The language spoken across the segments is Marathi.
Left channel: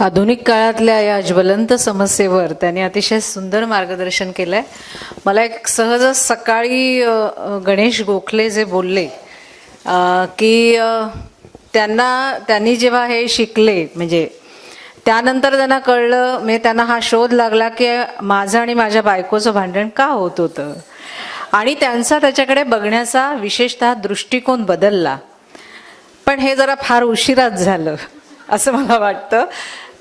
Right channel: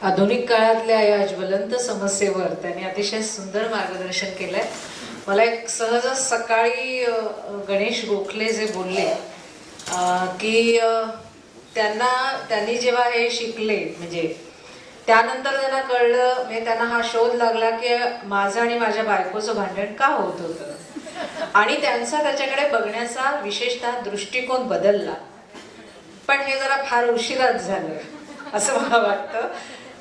आधुनिक काळातल्या या ज्वलंत समस्येवर त्यांनी अतिशय सुंदर मार्गदर्शन केलंय. मला एक सहज सकाळी गणेश गोखले जे बोलले की त्यांनी जेव्हा हे शिकले, म्हणजे त्यानंतर त्यांना कळलं, म्हणजे त्यांना हा शोध लागला की माझं आणि माझ्या बायकोचं भांडण का होत होतं, आणि त्यांचा त्याच्याकडे बघण्याचा विशेषतः दृष्टिकोन बदलला. पण हे जरा फार उशिराच झालं असं मला वाटतं.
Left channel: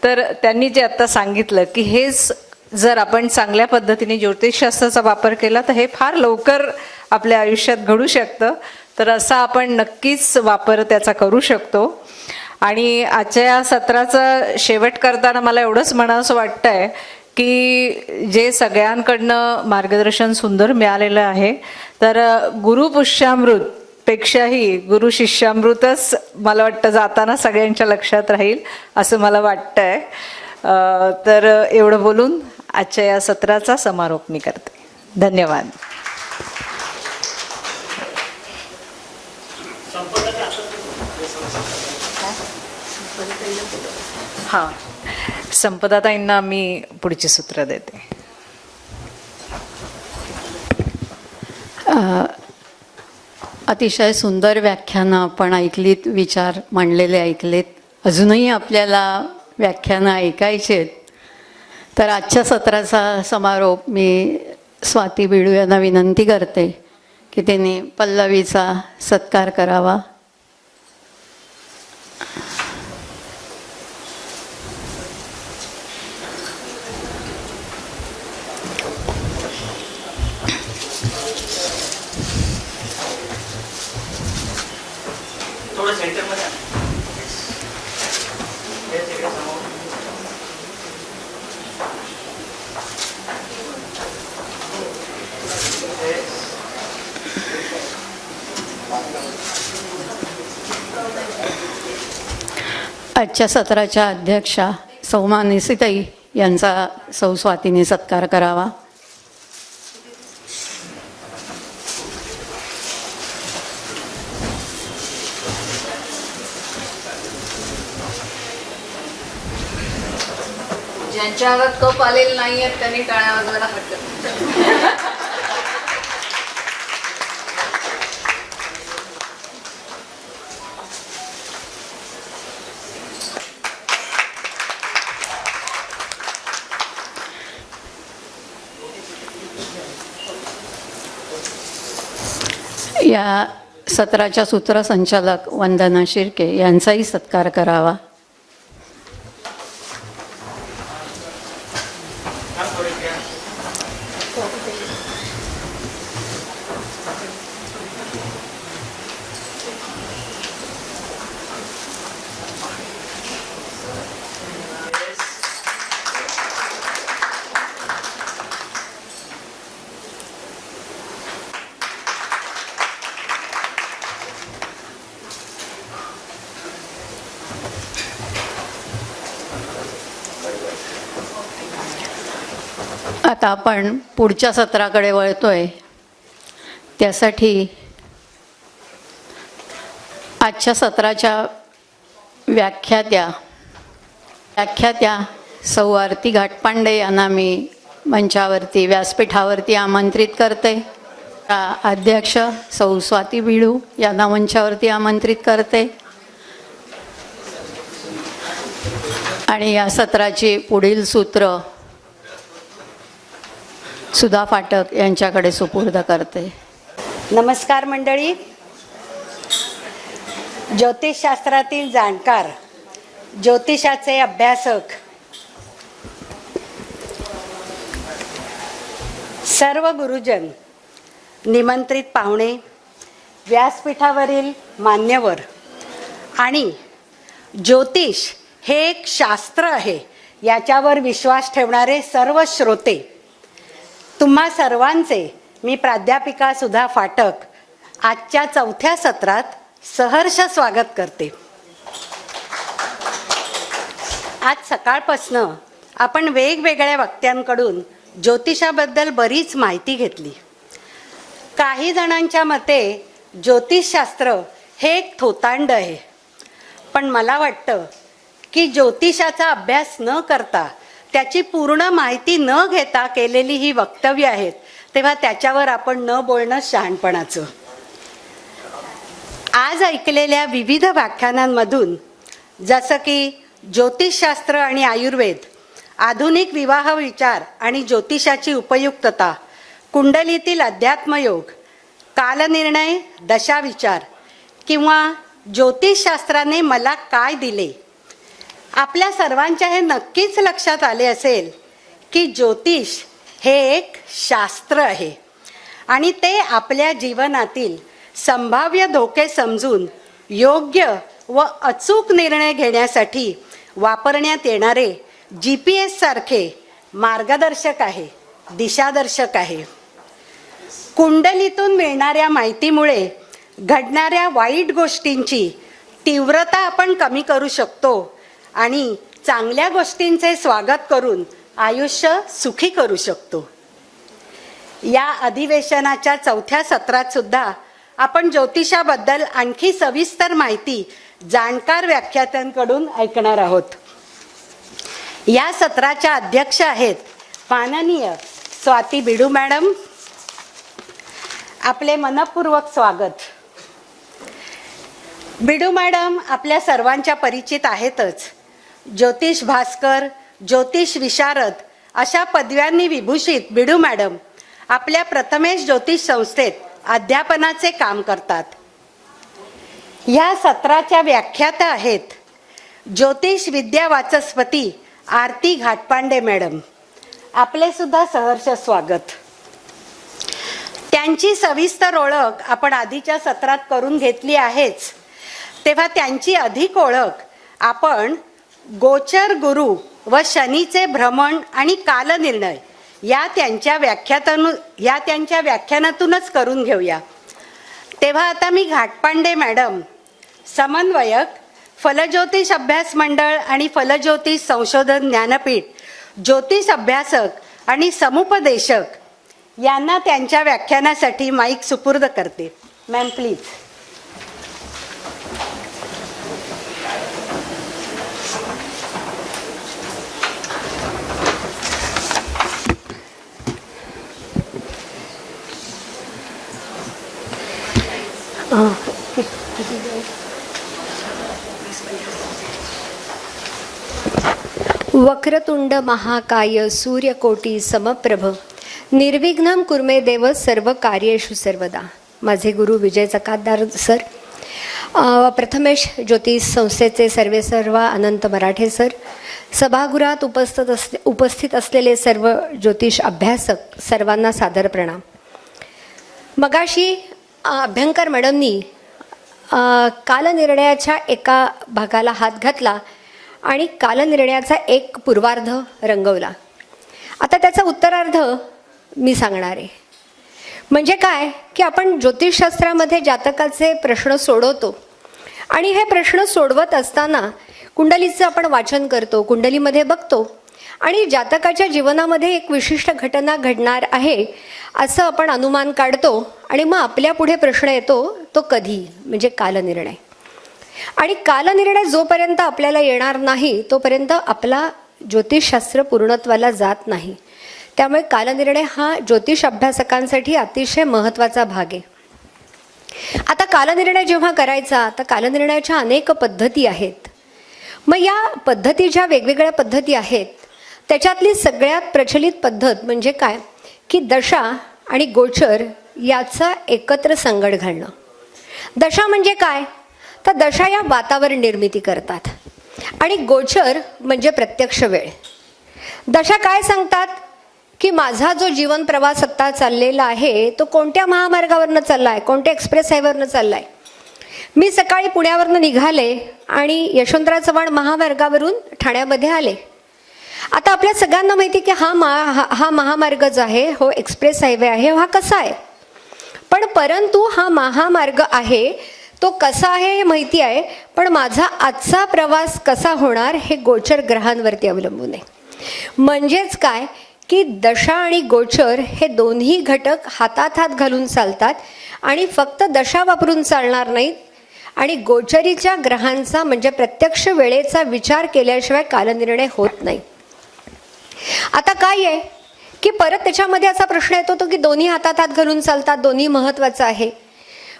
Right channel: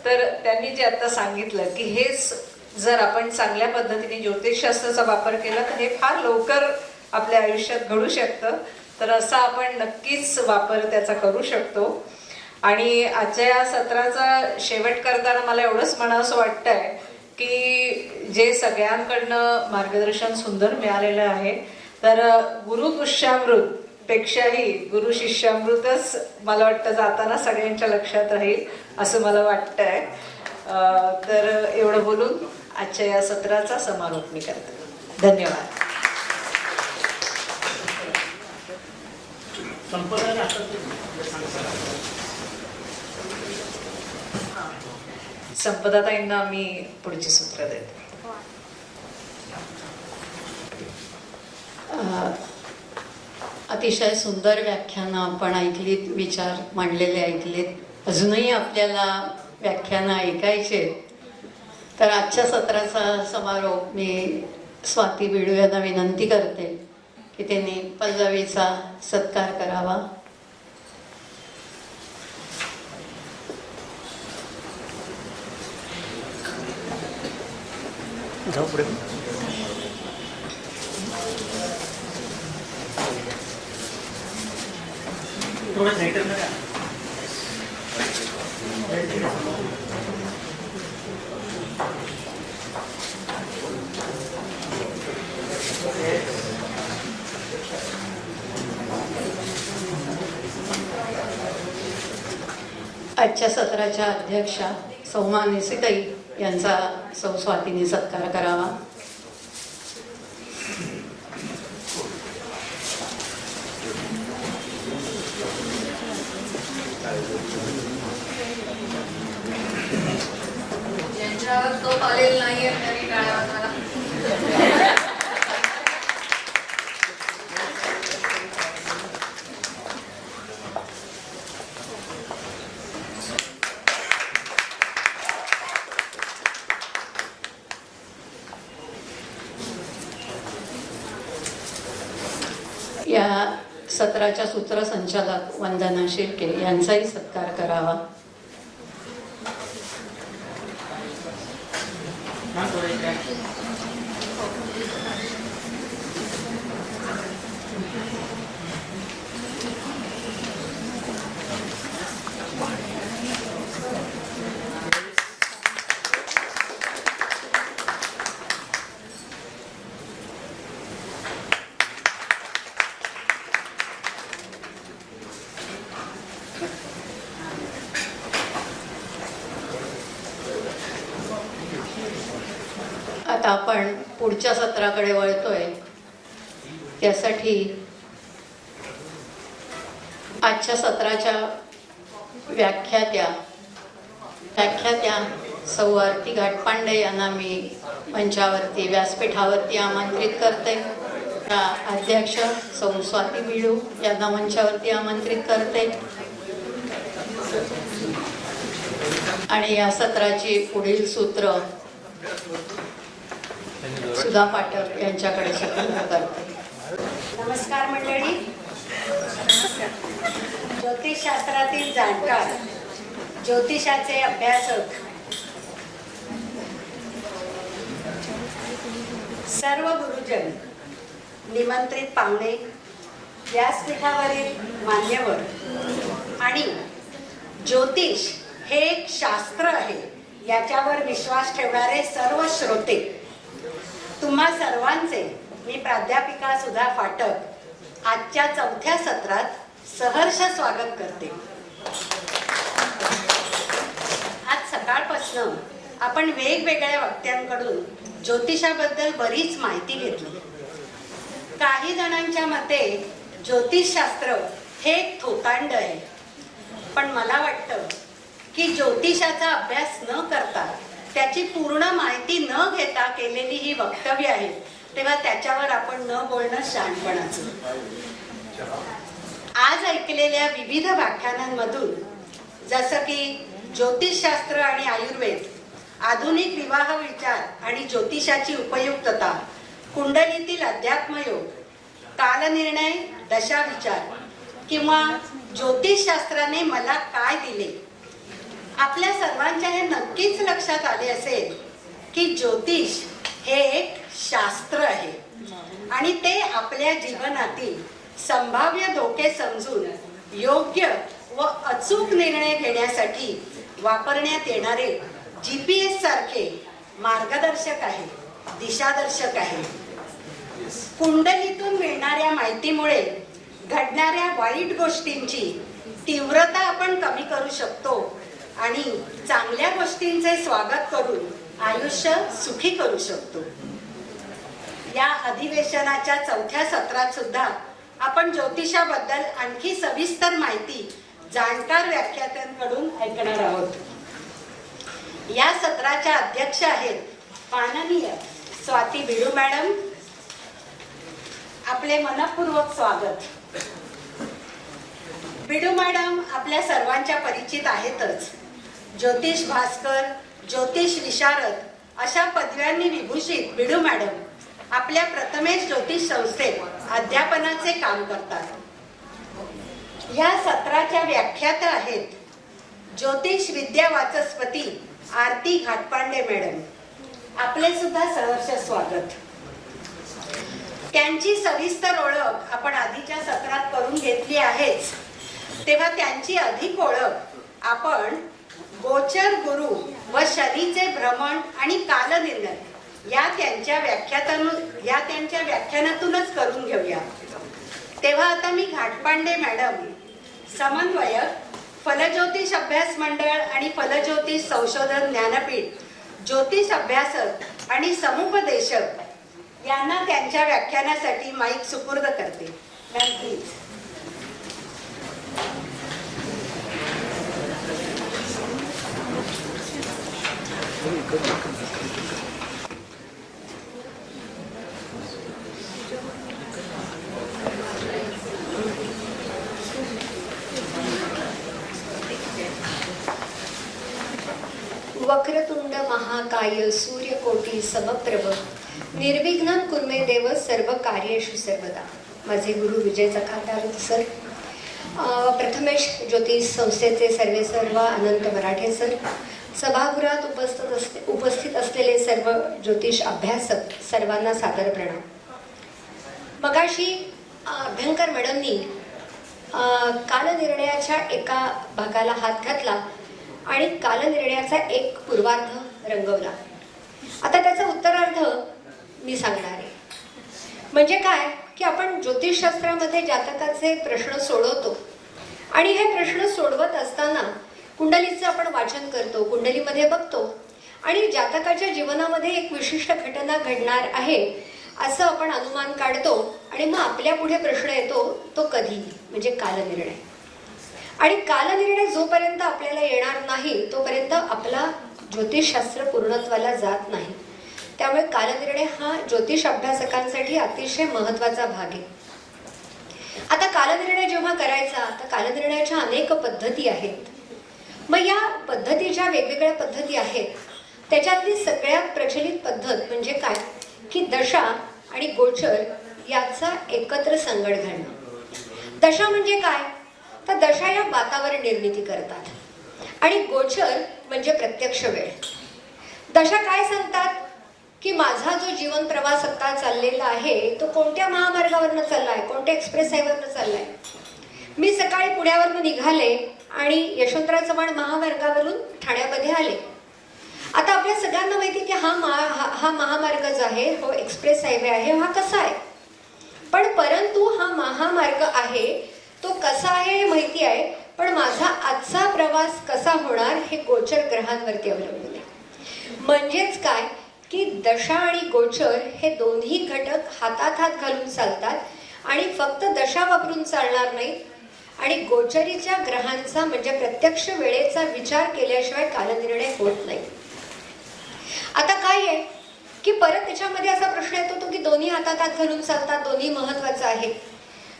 तर त्यांनी जे आता सांगितलं की हेच जर आपण चांगल्या पद्धतीने ज्योतिषशास्त्राचा वापर केला तर हे फार लवकर आपल्या आयुष्यात घडू शकतं. तर असा आपण नक्कीच वापर त्याचा करू शकतो. आणि आजच्या या सत्राचा शेवट करताना मला एवढंच म्हणावंसं वाटतंय की जे सगळ्यांकडनं मार्गदर्शन सुंदर मिळालेलं आहे, तर गुरुपुष्यामृत पेक्षाही गुरु शिष्यामृतच मला वाटतं जाताना सगळ्यांच्या लक्षात राहील असं मला वाटतंय. तर एवढं बोलून आजच्या या सत्राचा समारोप मी करते. धन्यवाद. हां, संपदाताईंना मी पुढची सूत्र देते. अतिशय सुंदर व्याख्यानं आपण ऐकलीत, विचार मांडलेले ऐकलेत. अजूनही आपल्याला व्याख्यानं ऐकायची आहेत. तर आजच्या सत्राचा समारोप मी स्वाती बिडू यांना विनंती करते की त्यांनी पल्लवीचा सत्कार करावा. आजच्या सत्राच्या अध्यक्षा सौ मानसीताई यांचा सौ स्वातीने सत्कार करावा. ज्यांच्यावर तोप आलेला नाहीये त्यांनी टाळ्या वाजवायला हरकत नाही. या सत्राच्या सूत्रसंचालक वंदना शिर्के यांचाही सत्कार करावा. आता आपण पुढच्या सत्राकडे वळतोय. त्यासाठी आजच्या सत्राच्या व्याख्यात्या सौ आरती घाटपांडे यांना मी मंचावरती, व्यासपीठावरती आमंत्रित करते. अध्यक्ष सौ स्वाती बिडू यांना मंचावरती आमंत्रित करते. आणि या सत्राची पुढील सूत्र सुधा फाटक यांच्याकडे सुपूर्द करते. नमस्कार मंडळी. ज्योतिषशास्त्रातील जाणकार, ज्योतिषाचे अभ्यासक, सर्व गुरुजन, निमंत्रित पाहुणे, व्यासपीठावरील मान्यवर आणि ज्योतिष हे एक शास्त्र आहे याच्यावर विश्वास ठेवणारे सर्व श्रोते, तुम्हा सर्वांचे मी प्राध्यापिका सुधा फाटक आजच्या 4थ्या सत्रात सहर्ष स्वागत करते. आज सकाळपासनं आपण वेगवेगळ्या वक्त्यांकडून ज्योतिषाबद्दल बरीच माहिती घेतली. काही जणांच्या मते ज्योतिषशास्त्र हे एक थोतांड आहे, पण मला वाटतं की ज्योतिषाचा अभ्यास न करता, त्याची पूर्ण माहिती न घेता केलेली ही वक्तव्य आहेत, तेव्हा त्याच्यावर आपण न बोलणं शहाणपणाचं. आज ऐकलेल्या विविध व्याख्यानांमधून जसं की ज्योतिषशास्त्र आणि आयुर्वेद, आधुनिक विवाह विचार आणि ज्योतिषाची उपयुक्तता, कुंडलीतील अध्यात्मयोग, कालनिर्णय, दशाविचार किंवा ज्योतिषशास्त्राने मला काय दिले, आपल्या सर्वांच्या हे नक्कीच लक्षात आले असेल की ज्योतिष हे एक शास्त्र आहे आणि ते आपल्या जीवनातील संभाव्य धोके समजून योग्य व अचूक निर्णय घेण्यासाठी वापरण्यात येणारे GPS सारखे मार्गदर्शक आहे, दिशादर्शक आहे. कुंडलीतून मिळणाऱ्या माहितीमुळे घडणाऱ्या वाईट गोष्टींची तीव्रता आपण कमी करू शकतो आणि चांगल्या गोष्टींचे स्वागत करून आयुष्य सुखी करू शकतो. या अधिवेशनाच्या 4थ्या सत्रात सुद्धा आपण ज्योतिषाबद्दल आणखी सविस्तर माहिती जाणकार व्याख्यात्यांकडून ऐकणार आहोत. या सत्राच्या अध्यक्ष आहेत माननीय स्वाती बिडू मॅडम. आपले मनपूर्वक स्वागत. बिडू मॅडम आपल्या सर्वांच्या परिचित आहेतच. ज्योतिष भास्कर, ज्योतिष विशारद अशा पदव्यांनी विभूषित बिडू मॅडम आपल्या प्रथमेश ज्योतिष संस्थेत अध्यापनाचे काम करतात. या सत्राच्या व्याख्याता आहेत ज्योतिष विद्या वाचस्पती आरती घाटपांडे मॅडम. आपले सुद्धा सहर्ष स्वागत. त्यांची सविस्तर ओळख आपण आधीच्या सत्रात करून घेतली आहेच, तेव्हा त्यांची अधिक ओळख आपण गोचर गुरु व शनीचे भ्रमण आणि कालनिर्णय या त्यांच्या व्याख्यानातूनच करून घेऊया. तेव्हा आता मी घाटपांडे मॅडम, समन्वयक, फलज्योतिष अभ्यास मंडळ आणि फलज्योतिष संशोधन ज्ञानपीठ, ज्योतिष अभ्यासक आणि समुपदेशक यांना त्यांच्या व्याख्यानासाठी माईक सुपूर्द करते. Ma'am please. वक्रतुंड महाकाय सूर्यकोटी समप्रभ निर्विघ्नं कुर्मे देव सर्व कार्येषु सर्वदा. माझे गुरु विजय चकातदार सर, प्रथमेश ज्योतिष संस्थेचे सर्व अनंत मराठे सर, सभागृहात उपस्थित असलेले सर्व ज्योतिष अभ्यासक सर्वांना सादर प्रणाम. मगाशी अभ्यंकर मॅडमनी कालनिर्णयाच्या एका भागाला हात घातला आणि कालनिर्णयाचा एक पूर्वार्ध रंगवला. आता त्याचा उत्तरार्ध मी सांगणार आहे. म्हणजे काय की आपण ज्योतिषशास्त्रामध्ये जातकाचे प्रश्न सोडवतो आणि हे प्रश्न सोडवत असताना कुंडलीचं आपण वाचन करतो, कुंडलीमध्ये बघतो आणि जातकाच्या जीवनामध्ये एक विशिष्ट घटना घडणार आहे असं आपण अनुमान काढतो आणि मग आपल्या पुढे प्रश्न येतो तो कधी, म्हणजे कालनिर्णय. आणि कालनिर्णय जोपर्यंत आपल्याला येणार नाही तोपर्यंत आपला ज्योतिषशास्त्र पूर्णत्वाला जात नाही. त्यामुळे कालनिर्णय हा ज्योतिष अभ्यासकांसाठी अतिशय महत्त्वाचा भाग आहे. आता कालनिर्णय जेव्हा करायचा तर कालनिर्णयाच्या अनेक पद्धती आहेत. मग या पद्धती ज्या वेगवेगळ्या पद्धती आहेत त्याच्यातली सगळ्यात प्रचलित पद्धत म्हणजे काय की दशा आणि गोचर याचा एकत्र संगड घालणं. दशा म्हणजे काय तर दशा या वातावरण निर्मिती करतात आणि गोचर म्हणजे प्रत्यक्ष वेळ. दशा काय सांगतात की माझा जो जीवन प्रवास आत्ता चाललेला आहे तो कोणत्या महामार्गावरनं चाललाय, कोणत्या एक्सप्रेस हायवेवरनं चाललाय. मी सकाळी पुण्यावरनं निघाले आणि यशवंतराव चव्हाण महामार्गावरून ठाण्यामध्ये आले. आता आपल्या सगळ्यांना माहिती की हा महामार्ग जो आहे, हो एक्सप्रेस हायवे आहे, हा कसा आहे. पण परंतु हा महामार्ग आहे तो कसा आहे हे माहिती आहे, पण माझा आजचा प्रवास कसा होणार हे गोचर ग्रहांवरती अवलंबून आहे. म्हणजेच काय की दशा आणि गोचर हे दोन्ही घटक हातात हात घालून चालतात आणि फक्त दशा वापरून चालणार नाहीत. आणि गोचरीच्या ग्रहांचा म्हणजे प्रत्यक्ष वेळेचा विचार केल्याशिवाय कालनिर्णय होत नाही. आता काय आहे की परत त्याच्यामध्ये असा प्रश्न येतो की दोन्ही हातात हात घालून चालतात, दोन्ही महत्वाचं आहे.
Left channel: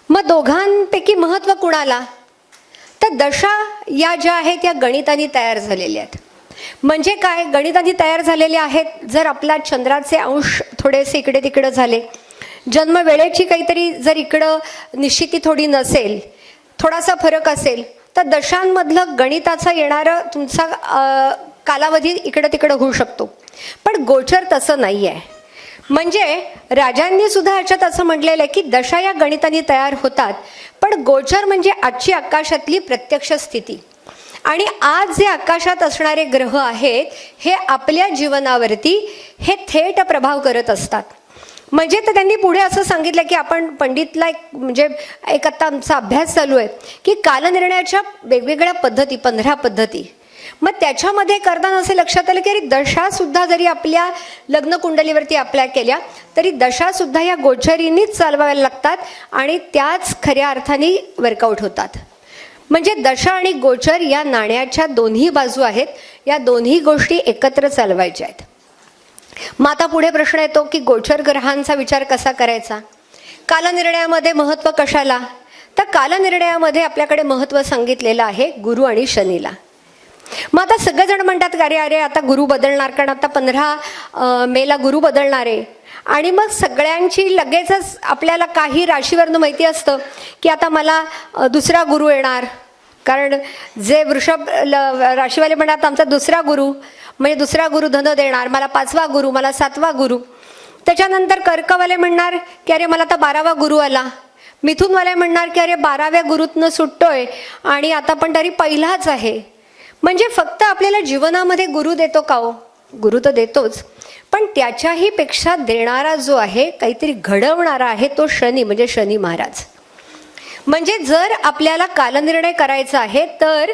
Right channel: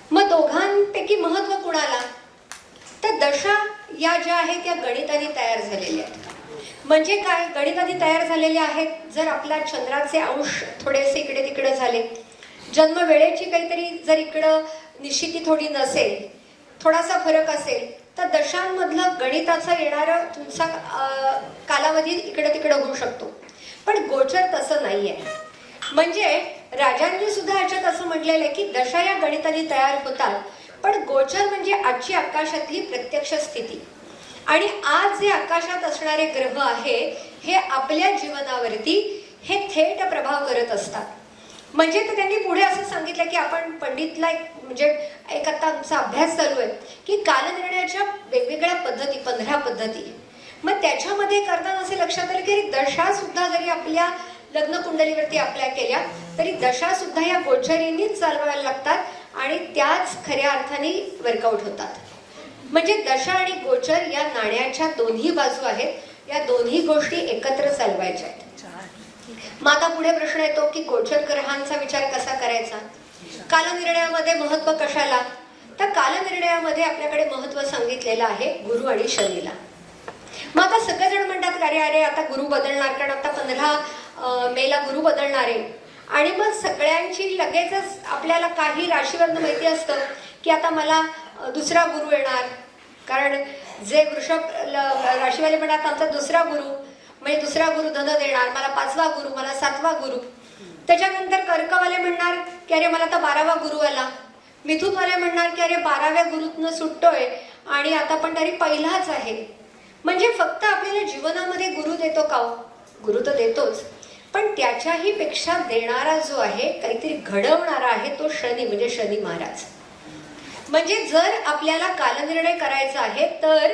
मग दोघांपैकी महत्व कुणाला? तर दशा या ज्या आहेत या गणिताने तयार झालेल्या आहेत. म्हणजे काय? गणिताने तयार झालेल्या आहेत. जर आपला चंद्राचे अंश थोडेसे इकडे तिकडे झाले, जन्म वेळेची काहीतरी जर इकडं निश्चिती थोडी नसेल, थोडासा फरक असेल, तर दशांमधलं गणिताचा येणारा तुमचा कालावधी इकडं तिकडं होऊ शकतो. पण गोचर तसं नाही आहे. म्हणजे राजांनी सुद्धा याच्यात असं म्हटलेलं आहे की दशा या गणिताने तयार होतात, पण गोचर म्हणजे आजची आकाशातली प्रत्यक्ष स्थिती. आणि आज जे आकाशात असणारे ग्रह आहेत हे आपल्या जीवनावरती हे थेट प्रभाव करत असतात. म्हणजे तर त्यांनी पुढे असं सांगितलं की आपण पंडितला एक आता आमचा अभ्यास चालू आहे की कालनिर्णयाच्या वेगवेगळ्या पद्धती, 15 पद्धती. मग त्याच्यामध्ये करताना असे लक्षात आलं की दशा सुद्धा जरी आपल्या लग्न कुंडलीवरती अप्लाय केल्या तरी दशा सुद्धा ह्या गोचरीनीच चालवायला लागतात आणि त्याच खऱ्या अर्थाने वर्कआउट होतात. म्हणजे दशा आणि गोचर या नाण्याच्या दोन्ही बाजू आहेत. या दोन्ही गोष्टी एकत्र चालवायच्या आहेत. मग आता पुढे प्रश्न येतो की गोचर ग्रहांचा विचार कसा करायचा? कालनिर्णयामध्ये महत्व कशाला? तर कालनिर्णयामध्ये आपल्याकडे महत्व सांगितलेलं आहे गुरु आणि शनीला. मग आता सगळेजण म्हणतात अरे अरे आता गुरु बदलणार, कारण आता 15 मेला गुरु बदलणार आहे. आणि मग सगळ्यांची लगेचच आपल्याला काही राशीवरनं माहिती असतं की आता मला दुसरा गुरु येणार. कारण जे वृषभ राशीवाले म्हणतात आमचा दुसरा गुरु, म्हणजे दुसरा गुरु धन देणार, मला 5वा गुरु, मला 7वा गुरु. त्याच्यानंतर कर्कवाले म्हणणार की अरे मला आता 12वा गुरु आला. मिथुनवाले म्हणणार की अरे 12व्या गुरुतनं सुटतोय आणि आता पण तरी पहिलाच आहे. म्हणजे फक्त आपल्याला जीवनामध्ये गुरु देतो का हो? गुरु तर देतोच, पण त्याच्याही पेक्षा देणारा जो आहे, काहीतरी घडवणारा आहे, तो शनी, म्हणजे शनी महाराज. म्हणजे जर आपल्याला कालनिर्णय करायचा आहे तर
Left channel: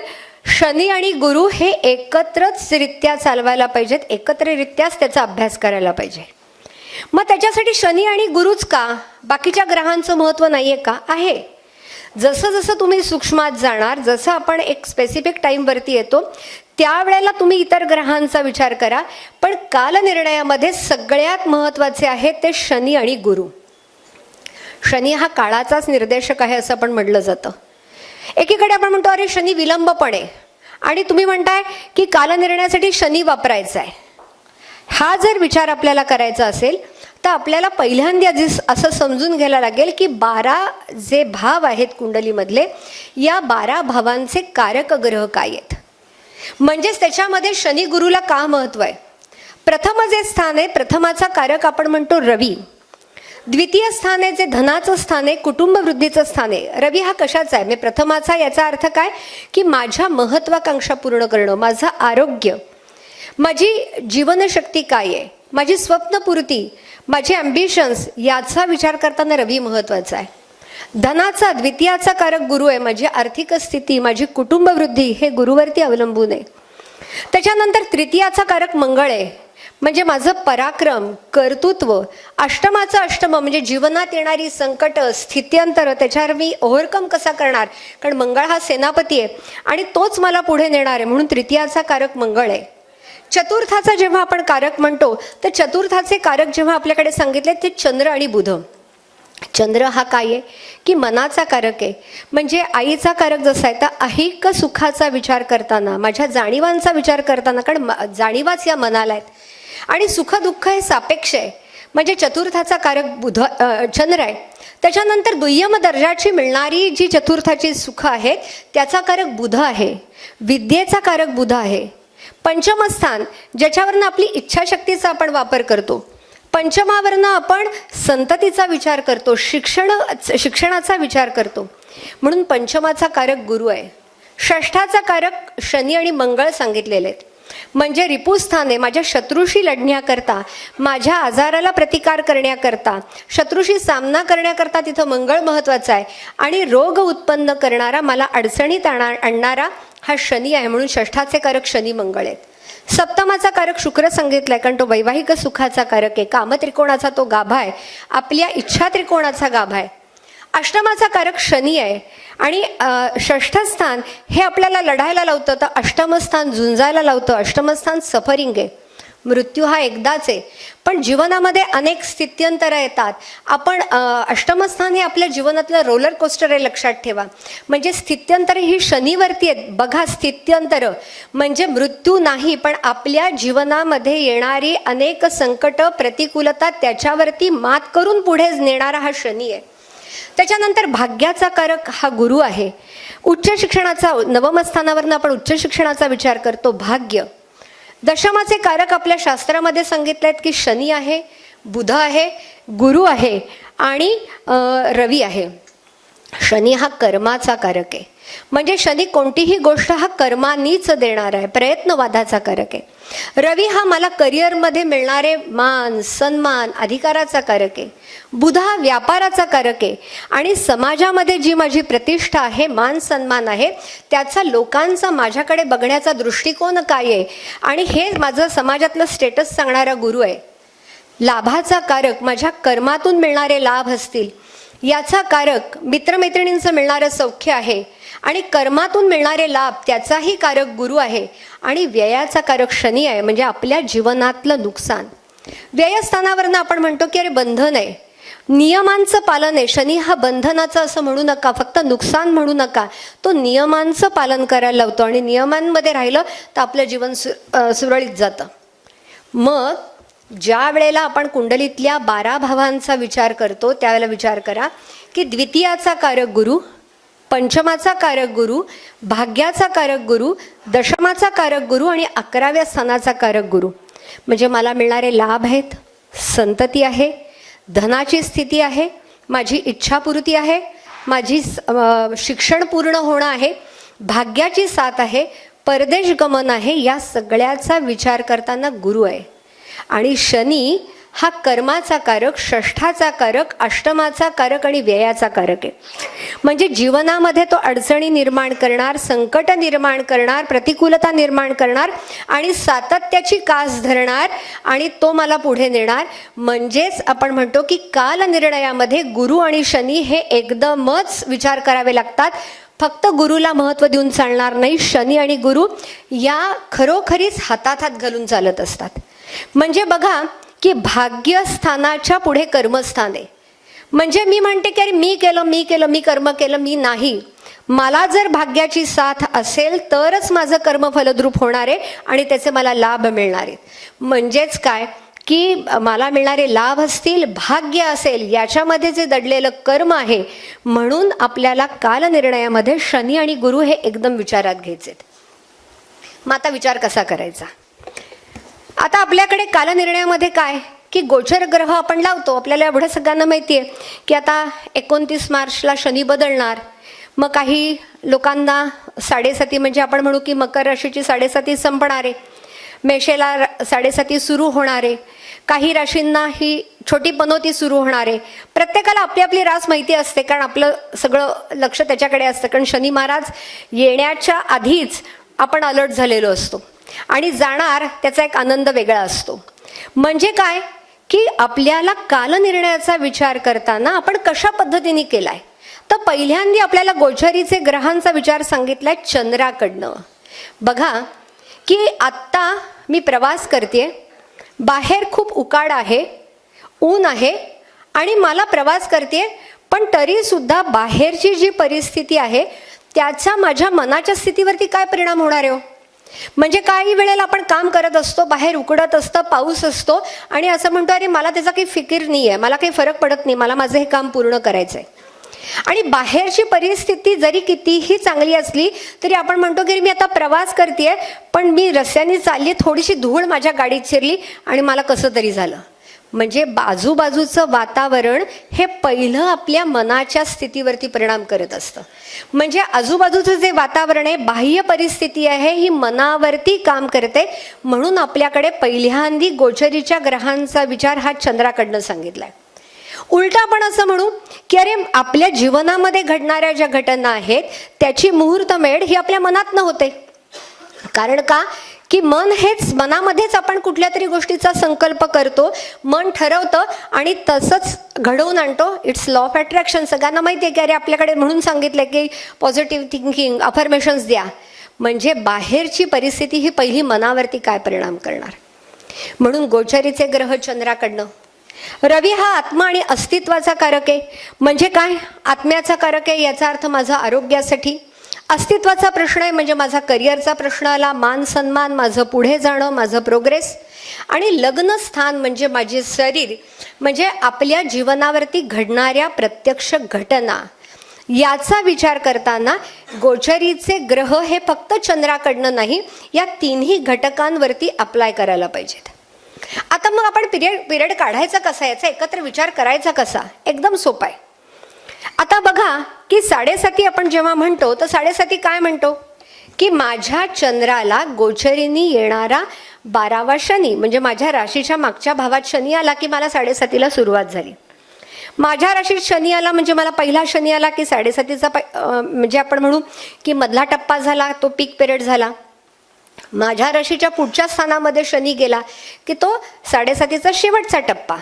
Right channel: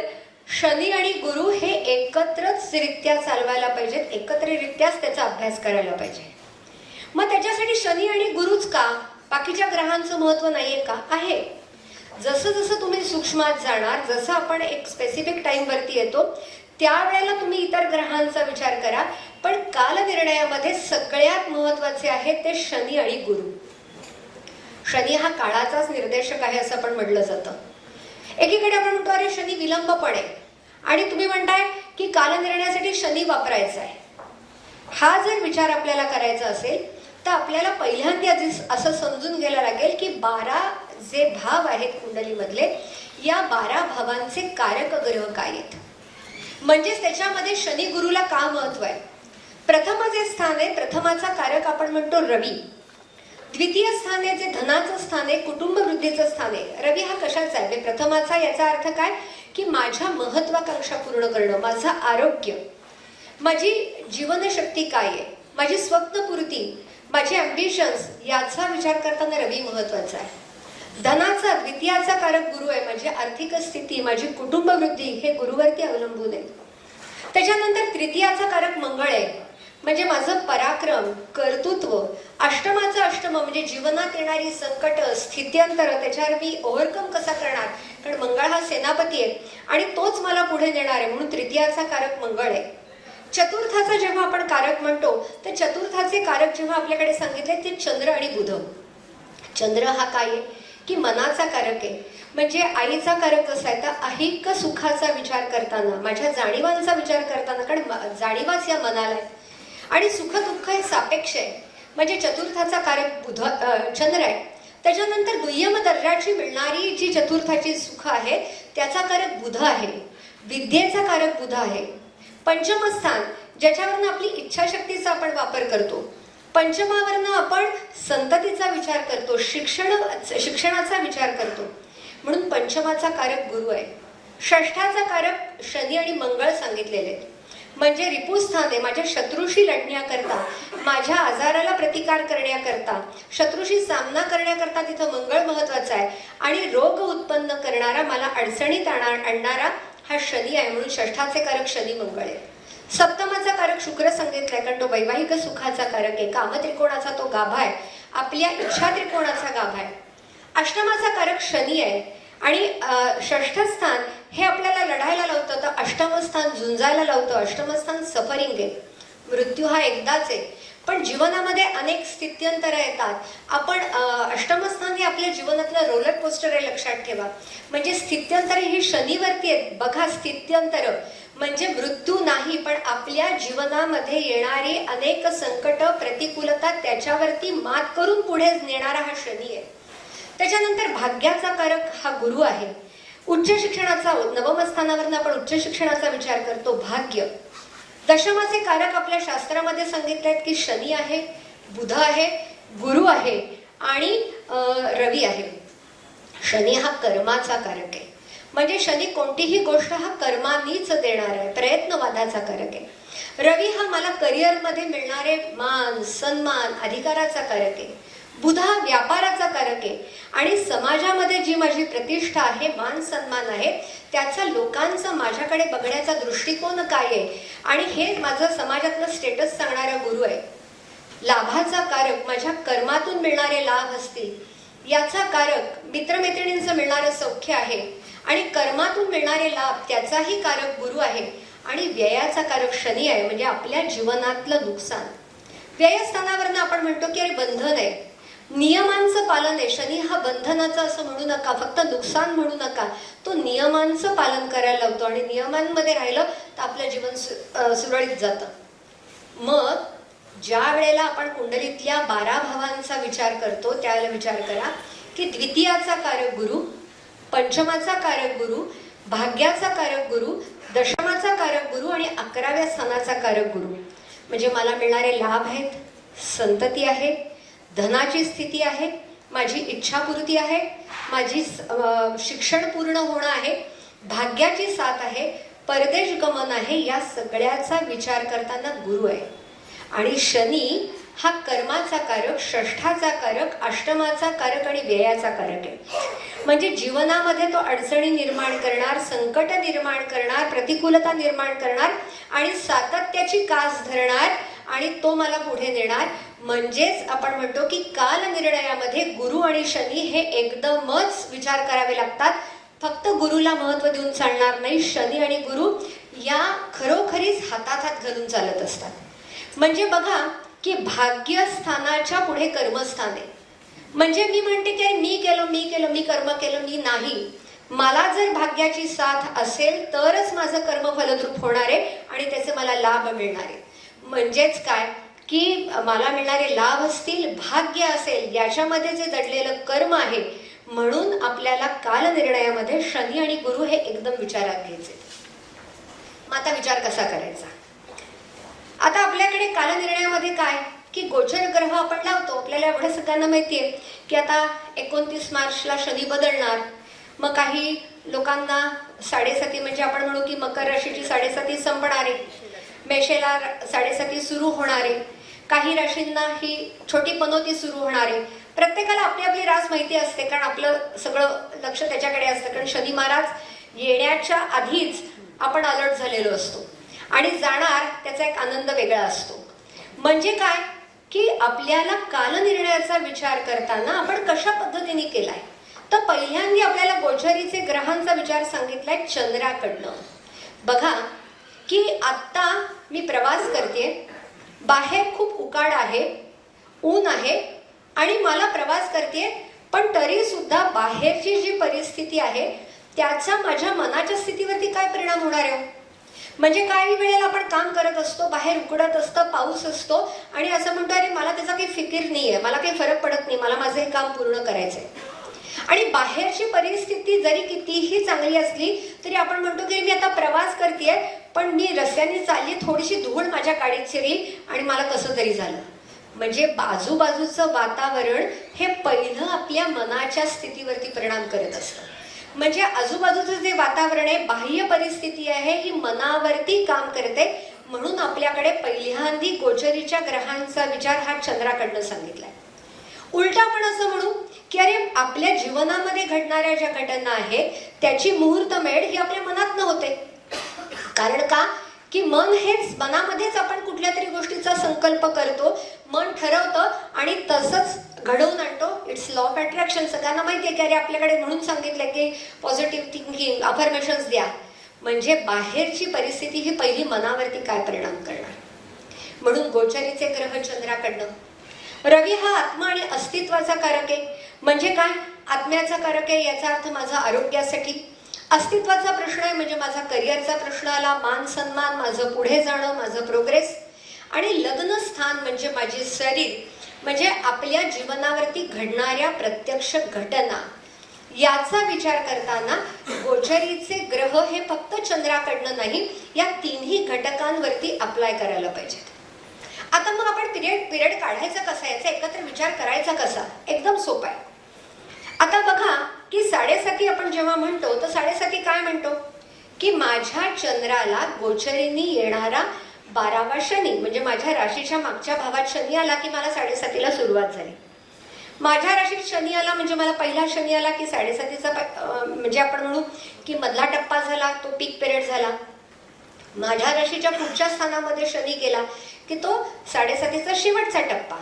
शनी आणि गुरु हे एकत्रच रित्या चालवायला पाहिजेत, एकत्ररित्याच त्याचा अभ्यास करायला पाहिजे. मग त्याच्यासाठी शनी आणि गुरुच का? बाकीच्या ग्रहांचं महत्व नाहीये का? आहे. जसं जसं तुम्ही सूक्ष्मात जाणार, जसं आपण एक स्पेसिफिक टाइमवरती येतो त्यावेळेला तुम्ही इतर ग्रहांचा विचार करा, पण कालनिर्णयामध्ये सगळ्यात महत्वाचे आहे ते शनी आणि गुरु. शनी हा काळाचाच निर्देशक आहे असं पण म्हटलं जातं. एकीकडे आपण म्हणतो अरे शनी विलंबपणे, आणि तुम्ही म्हणताय की कालनिर्णयासाठी शनी वापरायचा आहे. हा जर विचार आपल्याला करायचा असेल तर आपल्याला पहिल्यांदा असं समजून घ्यायला लागेल की 12 जे भाव आहेत कुंडलीमधले, या 12 भावांचे कारक ग्रह काय आहेत. म्हणजेच त्याच्यामध्ये शनी गुरुला का महत्व आहे? प्रथम जे स्थान आहे, प्रथमाचा कारक आपण म्हणतो रवी. द्वितीय स्थान आहे जे धनाचं स्थान आहे, कुटुंब वृद्धीचं स्थान आहे. रवी हा कशाचा आहे? म्हणजे प्रथमाचा, याचा अर्थ काय की माझ्या महत्वाकांक्षा पूर्ण करणं, माझं आरोग्य, माझी जीवनशक्ती काय आहे, माझी स्वप्नपूर्ती, माझे अम्बिशन्स, याचा विचार करताना रवी महत्वाचा आहे. धनाचा द्वितीयाचा कारक गुरु आहे, माझी आर्थिक स्थिती, माझी कुटुंब वृद्धी हे गुरुवरती अवलंबून आहे. त्याच्यानंतर तृतीयाचा कारक मंगळ आहे, म्हणजे माझं पराक्रम, कर्तृत्व. अष्टमाचं अष्टम म्हणजे जीवनात येणारी संकट, स्थित्यंतर, त्याच्यावर मी ओव्हरकम कसा करणार, कारण मंगळ हा सेनापती आहे आणि तोच मला पुढे नेणार आहे, म्हणून तृतीयाचा कारक मंगळ आहे. चतुर्थाचा जेव्हा आपण कारक म्हणतो तर चतुर्थाचे कारक जेव्हा आपल्याकडे सांगितले ते चंद्र आणि बुध. चंद्र हा काय आहे की मनाचा कारक आहे, म्हणजे आईचा कारक जसा आहे तर ऐहिक सुखाचा विचार करताना, माझ्या जाणीवांचा विचार करताना, कारण जाणीवाच या मनाला आहेत आणि सुख दुःख हे सापेक्ष आहे, म्हणजे चतुर्थाचा कारक चंद्र आहे. त्याच्यानंतर दुय्यम दर्जाची मिळणारी जी चतुर्थाची सुख आहे त्याचा कारक बुध आहे, विद्येचा कारक बुध आहे. पंचम स्थान ज्याच्यावरनं आपली इच्छाशक्तीचा आपण वापर करतो, पंचमावरनं आपण संततीचा विचार करतो, शिक्षणाचा विचार करतो, म्हणून पंचमाचा कारक गुरु आहे. षष्ठाचा कारक शनी आणि मंगळ सांगितलेले आहेत, म्हणजे रिपुस्थान आहे, माझ्या शत्रूशी लढण्याकरता, माझ्या आजाराला प्रतिकार करण्याकरता, शत्रूशी सामना करण्याकरता तिथं मंगळ महत्वाचा आहे. आणि रोग उत्पन्न करणारा, मला अडचणीत आणणारा हा शनी आहे, म्हणून षष्ठाचे कारक शनी मंगळ आहेत. सप्तमाचा कारक शुक्र सांगितलाय, कारण तो वैवाहिक सुखाचा कारक आहे, काम त्रिकोणाचा तो गाभा आहे, आपल्या इच्छा त्रिकोणाचा गाभा आहे. अष्टमाचा कारक शनी आहे आणि षष्ठ स्थान हे आपल्याला लढायला लावतं, तर अष्टम स्थान झुंजायला लावतं. अष्टम स्थान सफरिंग आहे. मृत्यू हा एकदाच आहे, पण जीवनामध्ये अनेक स्थित्यंतर येतात. आपण अष्टमस्थान हे आपल्या जीवनातलं रोलर कोस्टर आहे, लक्षात ठेवा. म्हणजे स्थित्यंतर ही शनीवरती आहेत. बघा, स्थित्यंतर म्हणजे मृत्यू नाही, पण आपल्या जीवनामध्ये येणारी अनेक संकट, प्रतिकूलता, त्याच्यावरती मात करून पुढे नेणारा हा शनी आहे. त्याच्यानंतर भाग्याचा कारक हा गुरु आहे. उच्च शिक्षणाचा, नवम स्थानावरनं आपण उच्च शिक्षणाचा विचार करतो. भाग्य. दशमाचे कारक आपल्या शास्त्रामध्ये सांगितले आहेत की शनी आहे, बुध आहे, गुरु आहे आणि रवी आहे. शनी हा कर्माचा कारक आहे. म्हणजे शनी कोणतीही गोष्ट हा कर्मानीच देणार आहे, प्रयत्नवादाचा कारक आहे. रवी हा मला करिअरमध्ये मिळणारे मान, सन्मान, अधिकाराचा कारक आहे. बुध हा व्यापाराचा कारक आहे आणि समाजामध्ये जी माझी प्रतिष्ठा आहे, मान सन्मान आहे, त्याचा लोकांचा माझ्याकडे बघण्याचा दृष्टिकोन काय आहे आणि हे माझं समाजातलं स्टेटस सांगणारा गुरु आहे. लाभाचा कारक माझ्या कर्मातून मिळणारे लाभ असतील, याचा कारक मित्रमैत्रिणींचं मिळणारं सौख्य आहे आणि कर्मातून मिळणारे लाभ त्याचाही कारक गुरु आहे. आणि व्ययाचा कारक शनी आहे, म्हणजे आपल्या जीवनातलं नुकसान. व्ययस्थानावरनं आपण म्हणतो की अरे बंधन आहे, नियमांचं पालन आहे. शनी हा बंधनाचा असं म्हणू नका, फक्त नुकसान म्हणू नका, तो नियमांचं पालन करायला लावतो आणि नियमांमध्ये राहिलं तर आपलं जीवन सुरळीत जातं. मग ज्या वेळेला आपण कुंडलीतल्या 12 भावांचा विचार करतो, त्यावेळेला विचार करा की द्वितीयाचा कारक गुरु, पंचमाचा कारक गुरु, भाग्याचा कारक गुरु, दशमाचा कारक गुरु आणि 11व्या स्थानाचा कारक गुरु. म्हणजे मला मिळणारे लाभ आहेत, संतती आहे, धनाची स्थिती आहे, माझी इच्छापूर्ती आहे, माझी शिक्षण पूर्ण होणं आहे, भाग्याची साथ आहे, परदेश गमन आहे. या सगळ्याचा विचार करताना गुरु आहे. आणि शनी हा कर्माचा कारक, षष्ठाचा कारक, अष्टमाचा कारक आणि व्ययाचा कारक आहे. म्हणजे जीवनामध्ये तो अडचणी निर्माण करणार, संकट निर्माण करणार, प्रतिकूलता निर्माण करणार आणि सातत्याची कास धरणार आणि तो मला पुढे नेणार. म्हणजेच आपण म्हणतो की कालनिर्णयामध्ये गुरु आणि शनी हे एकदमच विचार करावे लागतात. फक्त गुरुला महत्त्व देऊन चालणार नाही. शनी आणि गुरु या खरोखरीच हातात हात घालून चालत असतात. म्हणजे बघा की भाग्यस्थानाच्या पुढे कर्मस्थान आहे. म्हणजे मी म्हणते की मी कर्म केलं, मी नाही. मला जर भाग्याची साथ असेल तरच माझं कर्म फलद्रूप होणार आहे आणि त्याचे मला लाभ मिळणार आहे. म्हणजेच काय की मला मिळणारे लाभ असतील, भाग्य असेल, याच्यामध्ये जे दडलेलं कर्म आहे. म्हणून आपल्याला कालनिर्णयामध्ये शनी आणि गुरु हे एकदम विचारात घ्यायचे. मग आता विचार कसा करायचा? आता आपल्याकडे कालनिर्णयामध्ये काय की गोचर ग्रह आपण लावतो. आपल्याला एवढं सगळ्यांना माहिती आहे की आता 29 मार्चला शनी बदलणार. मग काही लोकांना 7.5 म्हणजे आपण म्हणू की मकर राशीची 7.5 संपणार आहे, मेषेला 7.5 सुरू होणार आहे, काही राशींना ही छोटी पनोती सुरू होणार आहे. प्रत्येकाला आपली आपली रास माहिती असते, कारण आपलं सगळं लक्ष त्याच्याकडे असतं. कारण शनी महाराज येण्याच्या आधीच आपण अलर्ट झालेलो असतो आणि जाणार त्याचा एक आनंद वेगळा असतो. म्हणजे काय की आपल्याला कालनिर्णयाचा विचार करताना आपण कशा पद्धतीने केलाय, तर पहिल्यांदा आपल्याला गोचरीचे ग्रहांचा विचार सांगितलाय चंद्राकडनं. बघा की आत्ता मी प्रवास करते, बाहेर खूप उकाड आहे, ऊन आहे आणि मला प्रवास करते, पण तरी सुद्धा बाहेरची जी परिस्थिती आहे त्याचा माझ्या मनाच्या स्थितीवरती काय परिणाम होणार आहे? म्हणजे काही वेळेला आपण काम करत असतो, बाहेर उकडत असतं, पाऊस असतो आणि असं म्हणतो अरे मला त्याचा काही फिकीर नाही आहे, मला काही फरक पडत नाही, मला माझं हे काम पूर्ण करायचंय. आणि बाहेरची परिस्थिती जरी कितीही चांगली असली तरी आपण म्हणतो की मी आता प्रवास करतेय, पण मी रस्त्याने चालली, थोडीशी धूळ माझ्या गाडीत शिरली आणि मला कसं तरी झालं. म्हणजे बाजूबाजूचं वातावरण हे पहिलं आपल्या मनाच्या स्थितीवरती परिणाम करत असतं. म्हणजे आजूबाजूचं जे वातावरण आहे, बाह्य परिस्थिती आहे, ही मनावरती काम करते. म्हणून आपल्याकडे पहिल्यांदी गोचरीच्या ग्रहांचा विचार हा चंद्राकडनं सांगितलाय. उलटा आपण असं म्हणू की अरे आपल्या जीवनामध्ये घडणाऱ्या ज्या घटना आहेत त्याची मुहूर्त मेढ ही आपल्या मनात न होते. कारण का की मन हेच, मनामध्येच आपण कुठल्या तरी गोष्टीचा संकल्प करतो, मन ठरवतं आणि तसंच घडवून आणतो. It's law of attraction. सगळ्यांना माहिती आहे की अरे आपल्याकडे म्हणून सांगितलंय की पॉझिटिव्ह थिंकिंग, अफर्मेशन्स द्या. म्हणजे बाहेरची परिस्थिती ही पहिली मनावरती काय परिणाम करणार. म्हणून गोचरीचे ग्रह चंद्राकडनं. रवी हा आत्मा आणि अस्तित्वाचा कारक आहे. म्हणजे काय, आत्म्याचा कारक आहे याचा अर्थ माझा आरोग्यासाठी. अस्तित्वाचा प्रश्न आहे म्हणजे माझा करिअरचा प्रश्न आला, मान सन्मान, माझं पुढे जाणं, माझं प्रोग्रेस. आणि लग्न स्थान म्हणजे माझे शरीर, म्हणजे आपल्या जीवनावरती घडणाऱ्या प्रत्यक्ष घटना. याचा विचार करताना गोचरीचे ग्रह हे फक्त चंद्राकडनं नाही, या तिन्ही घटकांवरती अप्लाय करायला पाहिजेत. आता मग आपण पिरियड काढायचा कसा, याचा एकत्र विचार करायचा कसा, एकदम सोपा आहे. आता बघा की 7.5 आपण जेव्हा म्हणतो तर 7.5 काय म्हणतो की माझ्या चंद्राला गोचरीने येणारा 12वा शनी, म्हणजे माझ्या राशीच्या मागच्या भावात शनी आला की मला 7.5 सुरुवात झाली. माझ्या राशीत शनी आला म्हणजे मला पहिला शनी आला की 7.5 म्हणजे आपण म्हणू की मधला टप्पा झाला, तो पीक पिरियड झाला. माझ्या राशीच्या पुढच्या स्थानामध्ये शनी गेला की तो 7.5 शेवटचा टप्पा.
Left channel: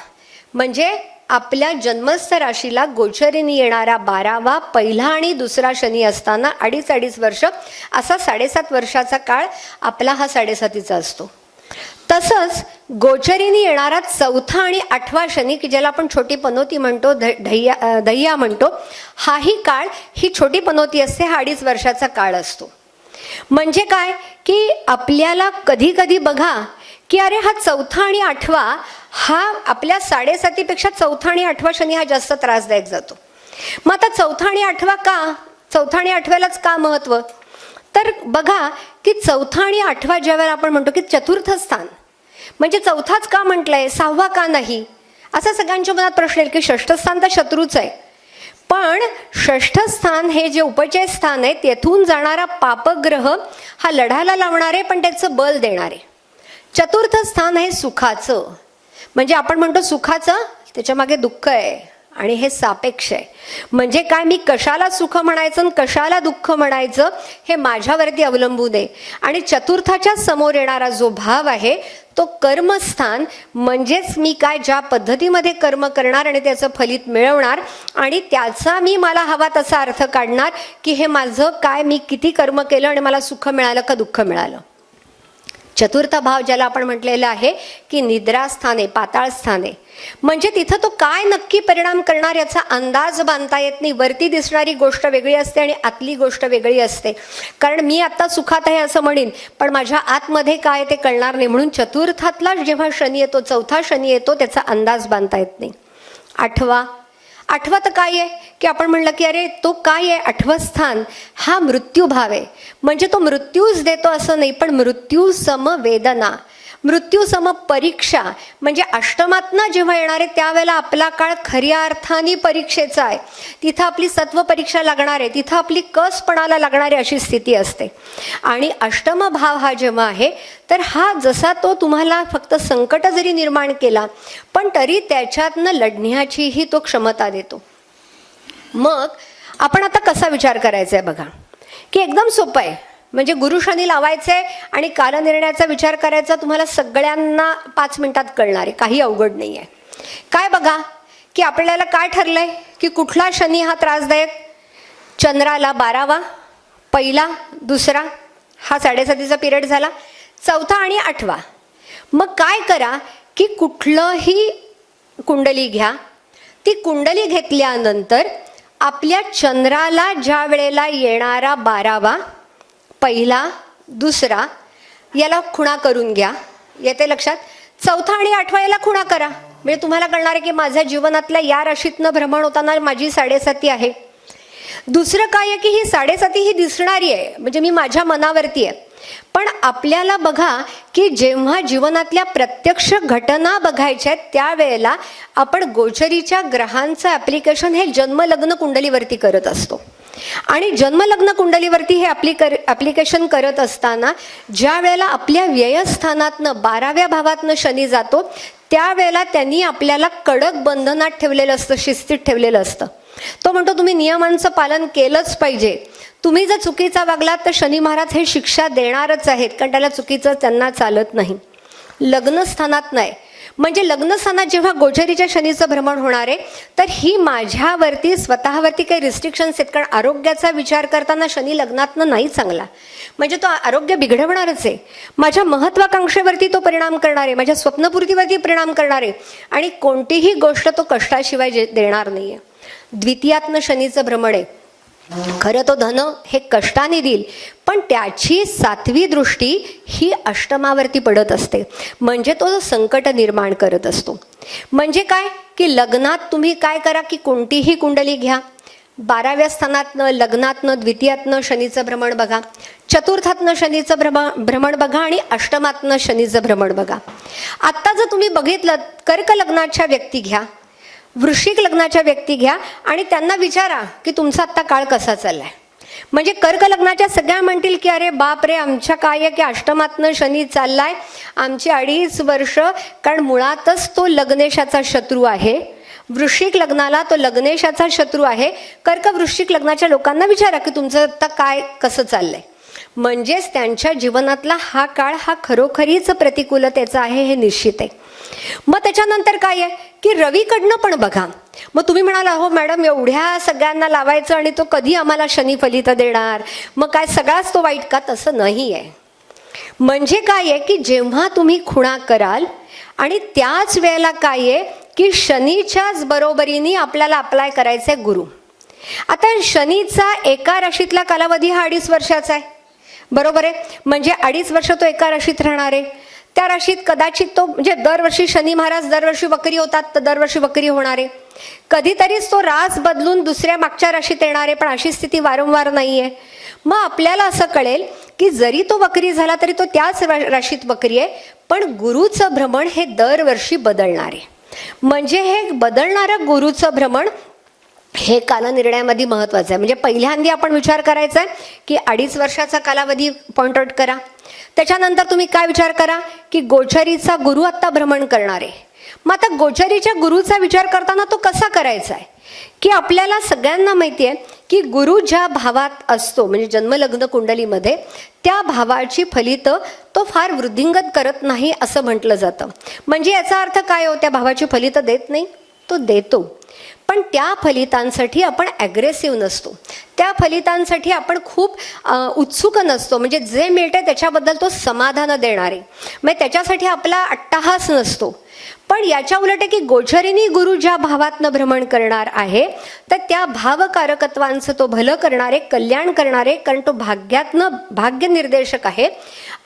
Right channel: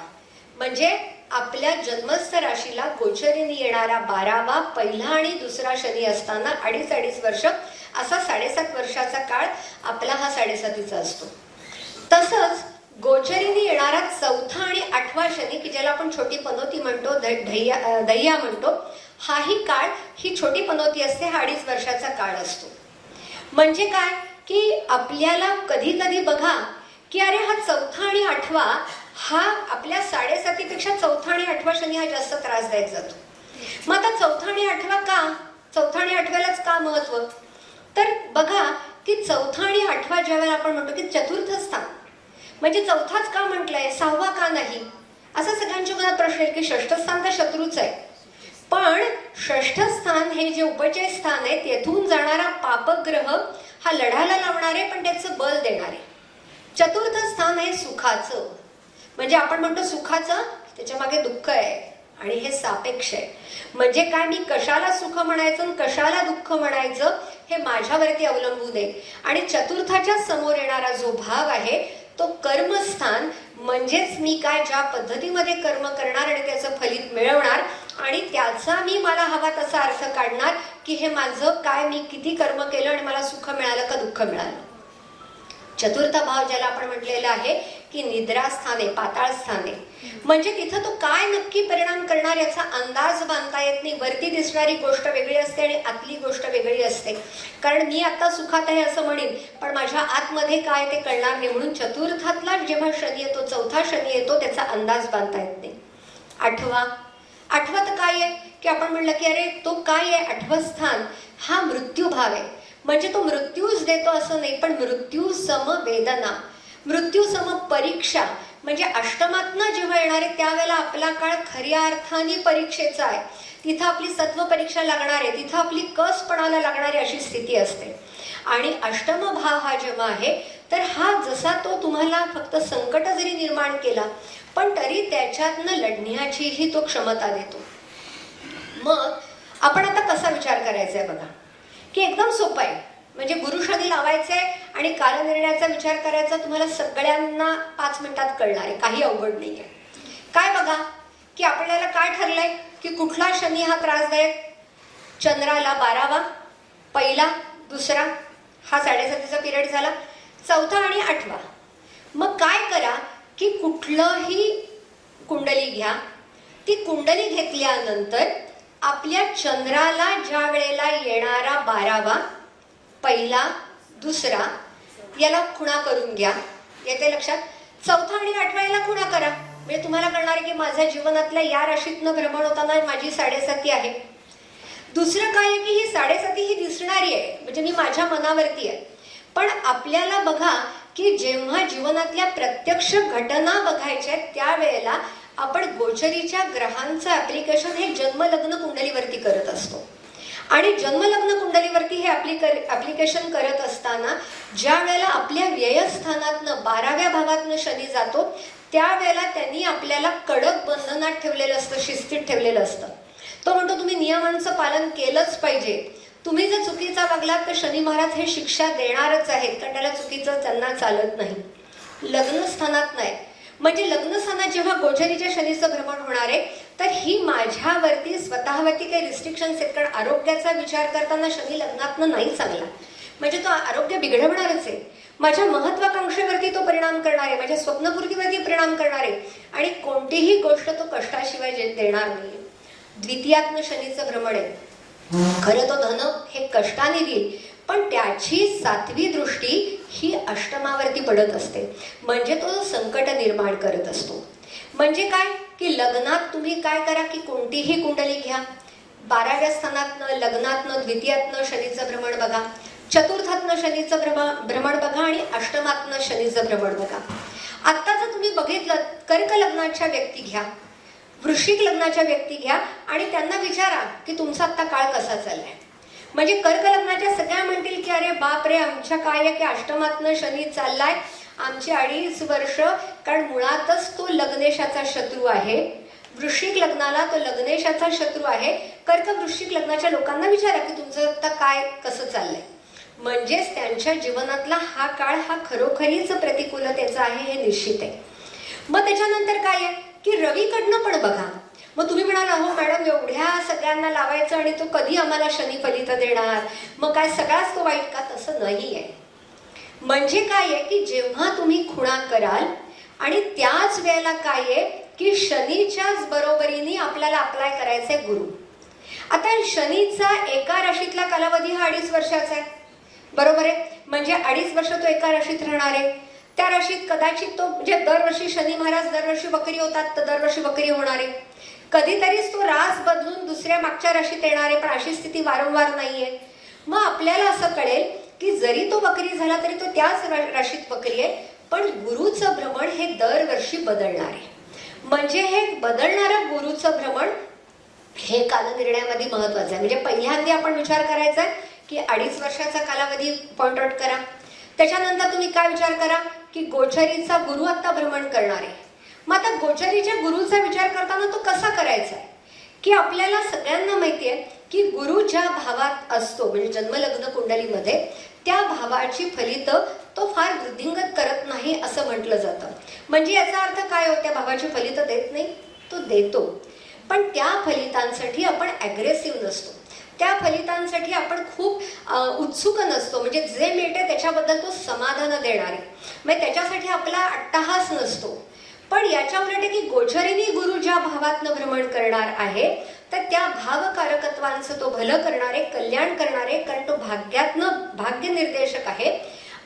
म्हणजे आपल्या जन्मस्थ राशीला गोचरीने येणारा 12वा पहिला आणि दुसरा शनी असताना 2.5 वर्ष असा 7.5 वर्षाचा काळ आपला हा 7.5 असतो. तसंच गोचरीने येणारा 4था आणि 8वा शनी की ज्याला आपण छोटी पनोती म्हणतो, दह्या म्हणतो, हाही काळ, ही छोटी पनोती असते, हा 2.5 वर्षाचा काळ असतो. म्हणजे काय की आपल्याला कधी कधी बघा की अरे हा 4था आणि 8वा हा आपल्या 7.5 पेक्षा 4था आणि 8वा शनी हा जास्त त्रासदायक जातो. मग आता 4था आणि 8वा का, 4था आणि 8व्यालाच का महत्व. तर बघा की 4था आणि 8वा ज्या वेळेला आपण म्हणतो की चतुर्थ स्थान, म्हणजे 4थाच का म्हटलंय, 6वा का नाही, असा सगळ्यांच्या मनात प्रश्न येईल की 6ष्ठ स्थान तर शत्रूच आहे. पण 6ष्ठ स्थान हे जे उपचय स्थान आहे, तेथून जाणारा पापग्रह हा लढायला लावणारे पण त्याचं बल देणारे. चतुर्थ स्थान आहे सुखाचं, म्हणजे आपण म्हणतो सुखाचं त्याच्या मागे दुःख आहे आणि हे सापेक्ष आहे. म्हणजे काय, मी कशाला सुख म्हणायचं आणि कशाला दुःख म्हणायचं हे माझ्यावरती अवलंबून आहे. आणि चतुर्थाच्या समोर येणारा जो भाव आहे तो कर्मस्थान, म्हणजेच मी काय ज्या पद्धतीमध्ये कर्म करणार आणि त्याचं फलित मिळवणार आणि त्याचा मी मला हवा तसा अर्थ काढणार की हे माझं काय, मी किती कर्म केलं आणि मला सुख मिळालं का दुःख मिळालं. चतुर्थ भाव ज्याला आपण म्हटलेलं आहे की निद्रास्थाने, पाताळ स्थाने, म्हणजे तिथं तो काय नक्की परिणाम करणार याचा अंदाज बांधता येत नाही. वरती दिसणारी गोष्ट वेगळी असते आणि आतली गोष्ट वेगळी असते. कारण मी आता सुखात आहे असं म्हणेन पण माझ्या आतमध्ये काय ते कळणार नाही. म्हणून चतुर्थातला जेव्हा शनी येतो, 4था शनी येतो, त्याचा अंदाज बांधता येत नाही. 8वा तर काय आहे की आपण म्हणलं की अरे तो काय आहे, 8वं स्थान हा मृत्यू भाव आहे. म्हणजे तो मृत्यूच देतो असं नाही, पण मृत्यू सम वेदना, मृत्यू सम परीक्षा. म्हणजे अष्टमातनं जेव्हा येणार आहे त्यावेळेला आपला काळ खऱ्या अर्थाने परीक्षेचा आहे. तिथं आपली सत्व परीक्षा लागणार आहे, तिथं आपली कसपणाला लागणार आहे अशी स्थिती असते. आणि अष्टम भाव हा जेव्हा आहे तर हा जसा तो तुम्हाला फक्त संकट जरी निर्माण केला पण तरी त्याच्यातनं लढण्याचीही तो क्षमता देतो. मग आपण आता कसा विचार करायचा आहे बघा की एकदम सोपं आहे. म्हणजे गुरु शनी लावायचंय आणि कालनिर्णयाचा विचार करायचा, तुम्हाला सगळ्यांना 5 मिनिटात कळणार आहे, काही अवघड नाही आहे. काय बघा की आपल्याला काय ठरलंय की कुठला शनी हा त्रासदायक, चंद्राला 12वा पहिला दुसरा हा 7.5 पिरियड झाला, 4था आणि 8वा. मग काय करा की कुठलंही कुंडली घ्या, ती कुंडली घेतल्यानंतर आपल्या चंद्राला ज्या वेळेला येणारा 12वा पहिला दुसरा याला खुणा करून घ्या. येते लक्षात. 4था आणि 8वा याला खुणा करा, म्हणजे तुम्हाला कळणार आहे की माझ्या जीवनातल्या या राशीतनं भ्रमण होताना माझी 7.5 आहे. दुसरं काय आहे की ही 7.5 ही दिसणारी आहे, म्हणजे मी माझ्या मनावरती आहे. पण आपल्याला बघा की जेव्हा जीवनातल्या प्रत्यक्ष घटना बघायच्या आहेत त्यावेळेला आपण गोचरीच्या ग्रहांचं ऍप्लिकेशन हे जन्मलग्न कुंडलीवरती करत असतो. आणि जन्मलग्न कुंडलीवरती हे ऍप्लिकेशन करत असताना ज्या वेळेला आपल्या व्ययस्थानातनं 12व्या भावातनं शनी जातो त्यावेळेला त्यांनी आपल्याला कडक बंधनात ठेवलेलं असतं, शिस्तीत ठेवलेलं असतं. तो म्हणतो तुम्ही नियमांचं पालन केलंच पाहिजे, तुम्ही जर चुकीचा वागलात तर शनी महाराज हे शिक्षा देणारच आहेत, कारण त्याला चुकीचं त्यांना चालत नाही. लग्नस्थानात नाही, म्हणजे लग्नस्थानात जेव्हा गोचरीच्या शनीचं भ्रमण होणार आहे तर ही माझ्यावरती स्वतःवरती काही रिस्ट्रिक्शन्स आहेत, कारण आरोग्याचा विचार करताना शनी लग्नातनं नाही चांगला, म्हणजे तो आरोग्य बिघडवणारच आहे. माझ्या महत्वाकांक्षेवरती तो परिणाम करणार आहे, माझ्या स्वप्नपूर्तीवरती परिणाम करणार आहे, आणि कोणतीही गोष्ट तो कष्टाशिवाय देणार नाहीये. द्वितीयात्न शनीचं भ्रमण आहे. खरं तो धन हे कष्टाने देईल, पण त्याची 7वी दृष्टी ही अष्टमावरती पडत असते, म्हणजे तो संकट निर्माण करत असतो. म्हणजे काय की लग्नात तुम्ही काय करा की कोणतीही कुंडली घ्या, 12व्या स्थानातनं लग्नातनं द्वितीयातनं शनीचं भ्रमण बघा, चतुर्थातनं शनीचं भ्रमण बघा आणि अष्टमातनं शनीचं भ्रमण बघा. आत्ता जर तुम्ही बघितलं, कर्क लग्नाच्या व्यक्ती घ्या, वृश्चिक लग्नाच्या व्यक्ती घ्या आणि त्यांना विचारा की तुमचा आत्ता काळ कसा चाललाय. म्हणजे कर्क लग्नाच्या सगळ्या म्हणतील की अरे बाप रे, आमच्या काय आहे की अष्टमातनं शनी चाललाय, आमची 2.5 वर्ष, कारण मुळातच तो लग्नेशाचा शत्रू आहे. वृश्चिक लग्नाला तो लग्नेशाचा शत्रू आहे. कर्क वृश्चिक लग्नाच्या लोकांना विचारा की तुमचं आता काय कसं चाललंय. म्हणजेच त्यांच्या जीवनातला हा काळ हा खरोखरीच प्रतिकूलतेचा आहे हे निश्चित आहे. मग त्याच्यानंतर काय आहे की रवीकडनं पण बघा. मग तुम्ही म्हणाला हो मॅडम, एवढ्या सगळ्यांना लावायचं आणि तो कधी आम्हाला शनी फलित देणार, मग काय सगळाच तो वाईट का? तसं नाही आहे. म्हणजे काय आहे की जेव्हा तुम्ही खुणा कराल आणि त्याच वेळेला काय आहे की शनीच्याच बरोबरीने आपल्याला अप्लाय करायचा आहे गुरु. आता शनीचा एका राशीतला कालावधी हा 2.5 वर्षाचा आहे, बरोबर आहे. म्हणजे 2.5 वर्ष तो एका राशीत राहणार आहे. त्या राशीत कदाचित तो म्हणजे दरवर्षी शनी महाराज दरवर्षी वक्री होतात तर दरवर्षी वक्री होणार आहे. कधीतरीच तो रास बदलून दुसऱ्या मागच्या राशीत येणार आहे, पण अशी स्थिती वारंवार नाहीये. मग आपल्याला असं कळेल की जरी तो वक्री झाला तरी तो त्याच राशीत वक्री आहे, पण गुरुचं भ्रमण हे दरवर्षी बदलणार आहे. म्हणजे हे बदलणारं गुरुचं भ्रमण हे कालनिर्णयामध्ये महत्वाचं आहे. म्हणजे पहिल्यांदा आपण विचार करायचा आहे की 2.5 वर्षाचा कालावधी पॉइंट आउट करा. त्याच्यानंतर तुम्ही काय विचार करा की गोचरीचा गुरु आता भ्रमण करणार आहे. मग आता गोचरीच्या गुरुचा विचार करताना तो कसा करायचा आहे की आपल्याला सगळ्यांना माहिती आहे की गुरु ज्या भावात असतो म्हणजे जन्मलग्न कुंडलीमध्ये त्या भावाची फलित तो फार वृद्धिंगत करत नाही असं म्हटलं जातं. म्हणजे याचा अर्थ काय हो, त्या भावाची फलित देत नाही, तो देतो, पण त्या फलितांसाठी आपण ॲग्रेसिव्ह नसतो, त्या फलितांसाठी आपण खूप उत्सुक नसतो. म्हणजे जे मिळते त्याच्याबद्दल तो समाधान देणार आहे, म्हणजे त्याच्यासाठी आपला अट्टहास नसतो. पण याच्या उलट आहे की गोचरीनी गुरु ज्या भावातनं भ्रमण करणार आहे तर त्या भावकारकत्वांचं तो भलं करणारे, कल्याण करणारे, कारण तो भाग्यातनं भाग्य निर्देशक आहे.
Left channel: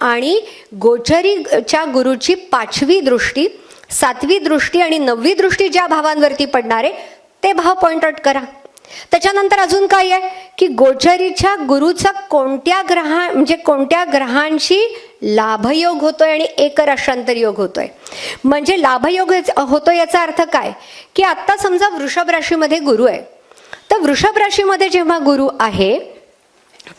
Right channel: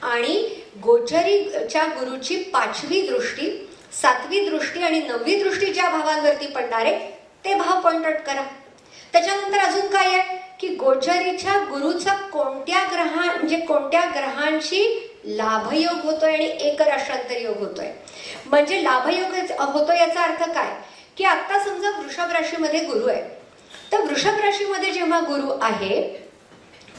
आणि गोचरीच्या गुरुची 5वी दृष्टी, 7वी दृष्टी आणि 9वी दृष्टी ज्या भावांवरती पडणार आहे ते भाव पॉइंट आउट करा. त्याच्यानंतर अजून काय आहे की गोचरीच्या गुरुचा कोणत्या ग्रहांशी लाभयोग होतोय आणि एकराशांतर योग होतोय. म्हणजे लाभयोग होतोय याचा अर्थ काय की आता समजा वृषभ राशीमध्ये गुरु आहे, तर वृषभ राशीमध्ये जेव्हा गुरु आहे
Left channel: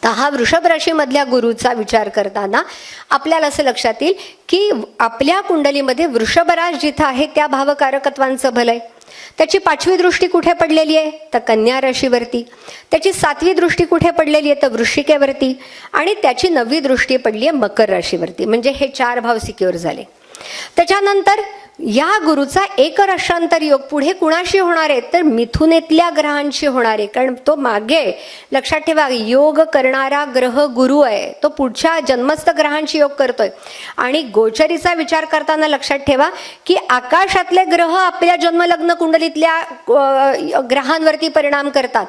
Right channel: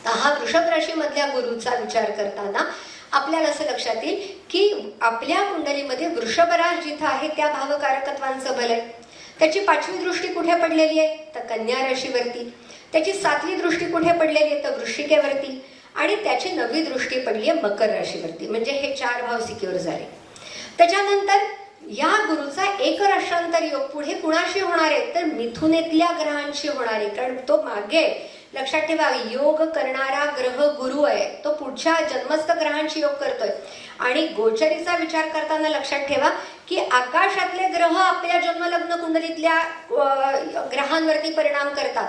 तर हा वृषभ राशीमधल्या गुरुचा विचार करताना आपल्याला असं लक्षात येईल की आपल्या कुंडलीमध्ये वृषभ राश जिथं आहे त्या भावकारकत्वांचं भलंय. त्याची 5वी दृष्टी कुठे पडलेली आहे तर कन्या राशीवरती, त्याची 7वी दृष्टी कुठे पडलेली आहे तर वृश्चिकेवरती, आणि त्याची 9वी दृष्टी पडली आहे मकर राशीवरती. म्हणजे हे 4 भाव सिक्युअर झाले. त्याच्यानंतर या गुरुचा एकराशांतर योग पुढे कुणाशी होणार आहे तर मिथुनेतल्या ग्रहांशी होणार आहे. कारण तो मागे लक्षात ठेवा योग करणारा ग्रह गुरु आहे, तो पुढच्या जन्मस्थ ग्रहांशी योग करतोय. आणि गोचरीचा विचार करताना लक्षात ठेवा की आकाशातले ग्रह आपल्या जन्मलग्न कुंडलीतल्या ग्रहांवरती परिणाम करतात.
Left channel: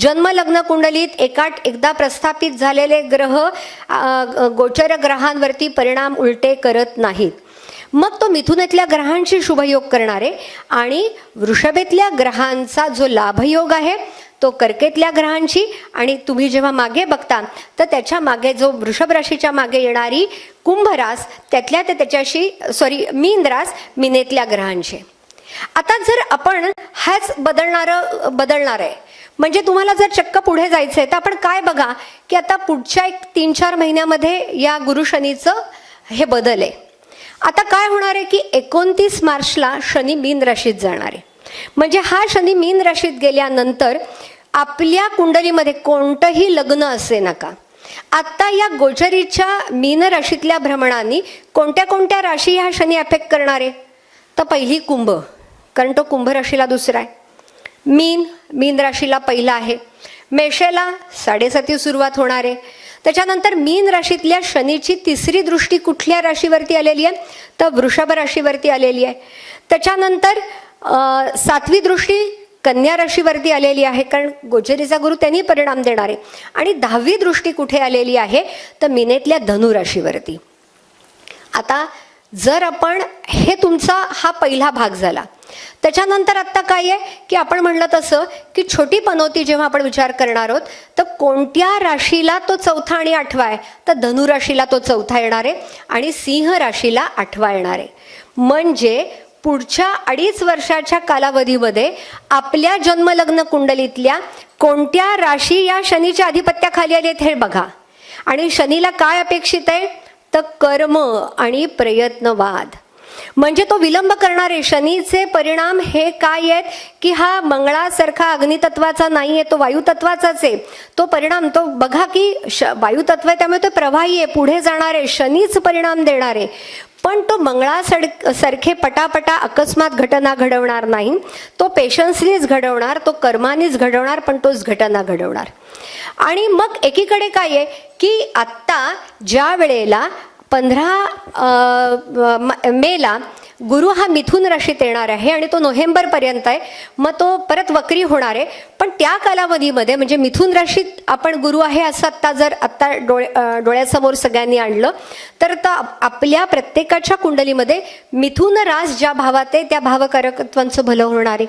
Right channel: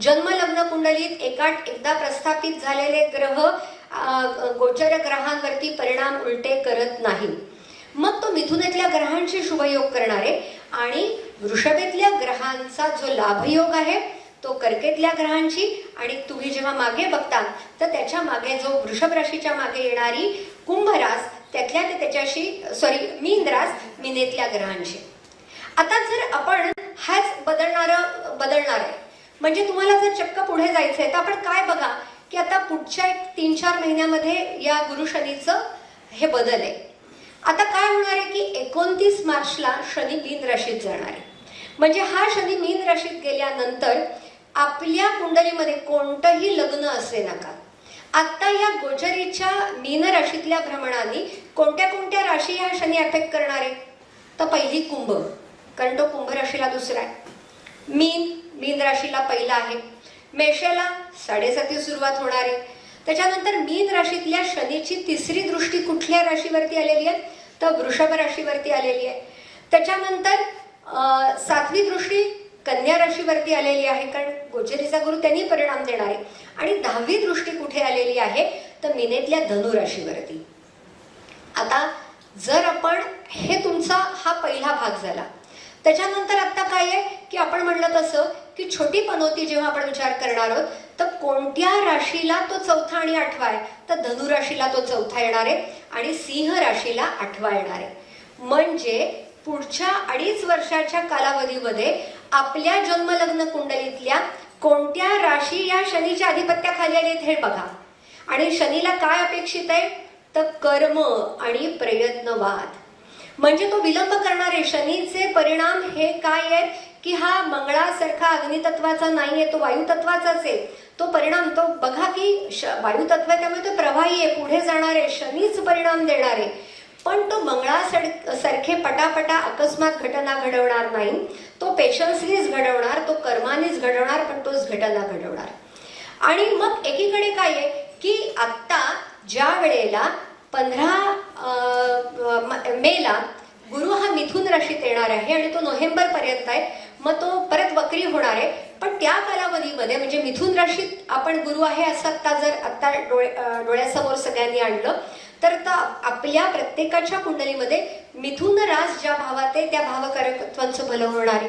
जन्मलग्न कुंडलीत एकदा प्रस्थापित झालेले ग्रह गोचर ग्रहांवरती परिणाम उलटे करत नाहीत. मग तो मिथुनेतल्या ग्रहांशी शुभयोग करणार आहे आणि वृषभेतल्या ग्रहांचा जो लाभयोग आहे तो कर्केतल्या ग्रहांशी, आणि तुम्ही जेव्हा मागे बघता तर त्याच्या मागे जो वृषभ राशीच्या मागे येणारी कुंभ रास त्याच्याशी मीन रास मीनेतल्या ग्रहांशी. आता जर आपण हाच बदलणार आहे म्हणजे तुम्हाला जर चक्क पुढे जायचंय तर आपण काय बघा की आता पुढच्या 3-4 महिन्यामध्ये या गुरु शनीचं हे बदल आहे. आता काय होणार आहे की 29 मार्चला शनी मीन राशीत जाणार आहे. म्हणजे हा शनी मीन राशीत गेल्यानंतर आपल्या कुंडलीमध्ये कोणतंही लग्न असे नका, आता या गोचरीच्या मीन राशीतल्या भ्रमणांनी कोणत्या कोणत्या राशी ह्या शनी अफेक्ट करणार आहे? तर पहिली कुंभ, कारण तो कुंभ राशीला दुसरा आहे. मीन राशीला पहिला आहे. मेषेला 7:30 सुरुवात होणार आहे. त्याच्यानंतर मीन राशीतल्या शनीची तिसरी दृष्टी कुठल्या राशीवरती आलेली आहे? तर वृषभ राशीवरती आलेली आहे. त्याच्यानंतर 7वी दृष्टी कन्या राशीवरती आलेली आहे, कारण गोचरीचा गुरु त्यांनी परिणाम देणार आहे. आणि 10वी दृष्टी कुठे आलेली आहे? तर मीनेतल्या धनु राशीवरती. आता जर आपण हे तुमचा हा पहिला भाग झाला. त्याच्यानंतर आता काय आहे की आपण म्हणलं तसं की छोटी पनौती जेव्हा आपण विचार करणार आहोत तर कोणत्या राशीला तो 4था आणि 8वा आहे? तर धनु राशीला तो 4था येणार आहे आणि सिंह राशीला 8वा येणार आहे. म्हणजे पुढच्या 2.5 वर्षाच्या कालावधीमध्ये आपल्या जन्मलग्न कुंडलीतल्या कोणत्या राशी या शनीच्या अधिपत्याखाली आलेत हे बघा. आणि शनीला काय अपेक्षित आहे? तर कर्म आणि प्रयत्नवाद. म्हणजे तो विलंब करणारे शनीचे परिणाम हे काय आहेत की हा मंगळासारखा अग्नितत्वाचा नाही आहे, तो वायुतत्वाचाच आहे. तो परिणाम तो बघा की वायुतत्व आहे, त्यामुळे तो प्रवाही आहे, पुढे जाणारे, शनीच परिणाम देणारे. पण तो मंगळासारखे पटापटा अकस्मात घटना घडवणार नाही. तो पेशन्सनीच घडवणार, तो कर्मानीच घडवणार, पण तोच घटना घडवणार. आणि मग एकीकडे काय आहे की आत्ता ज्या वेळेला 15 मेला गुरु हा मिथुन राशीत येणार आहे आणि तो नोव्हेंबर पर्यंत आहे. मग तो परत वक्री होणार आहे. पण त्या कालावधीमध्ये म्हणजे मिथुन राशीत आपण गुरु आहे असं आत्ता डोळ्यासमोर सगळ्यांनी आणलं तर आपल्या प्रत्येकाच्या कुंडलीमध्ये मिथुन रास ज्या भावात आहे त्या भावकारकत्वांचं भलं होणार आहे.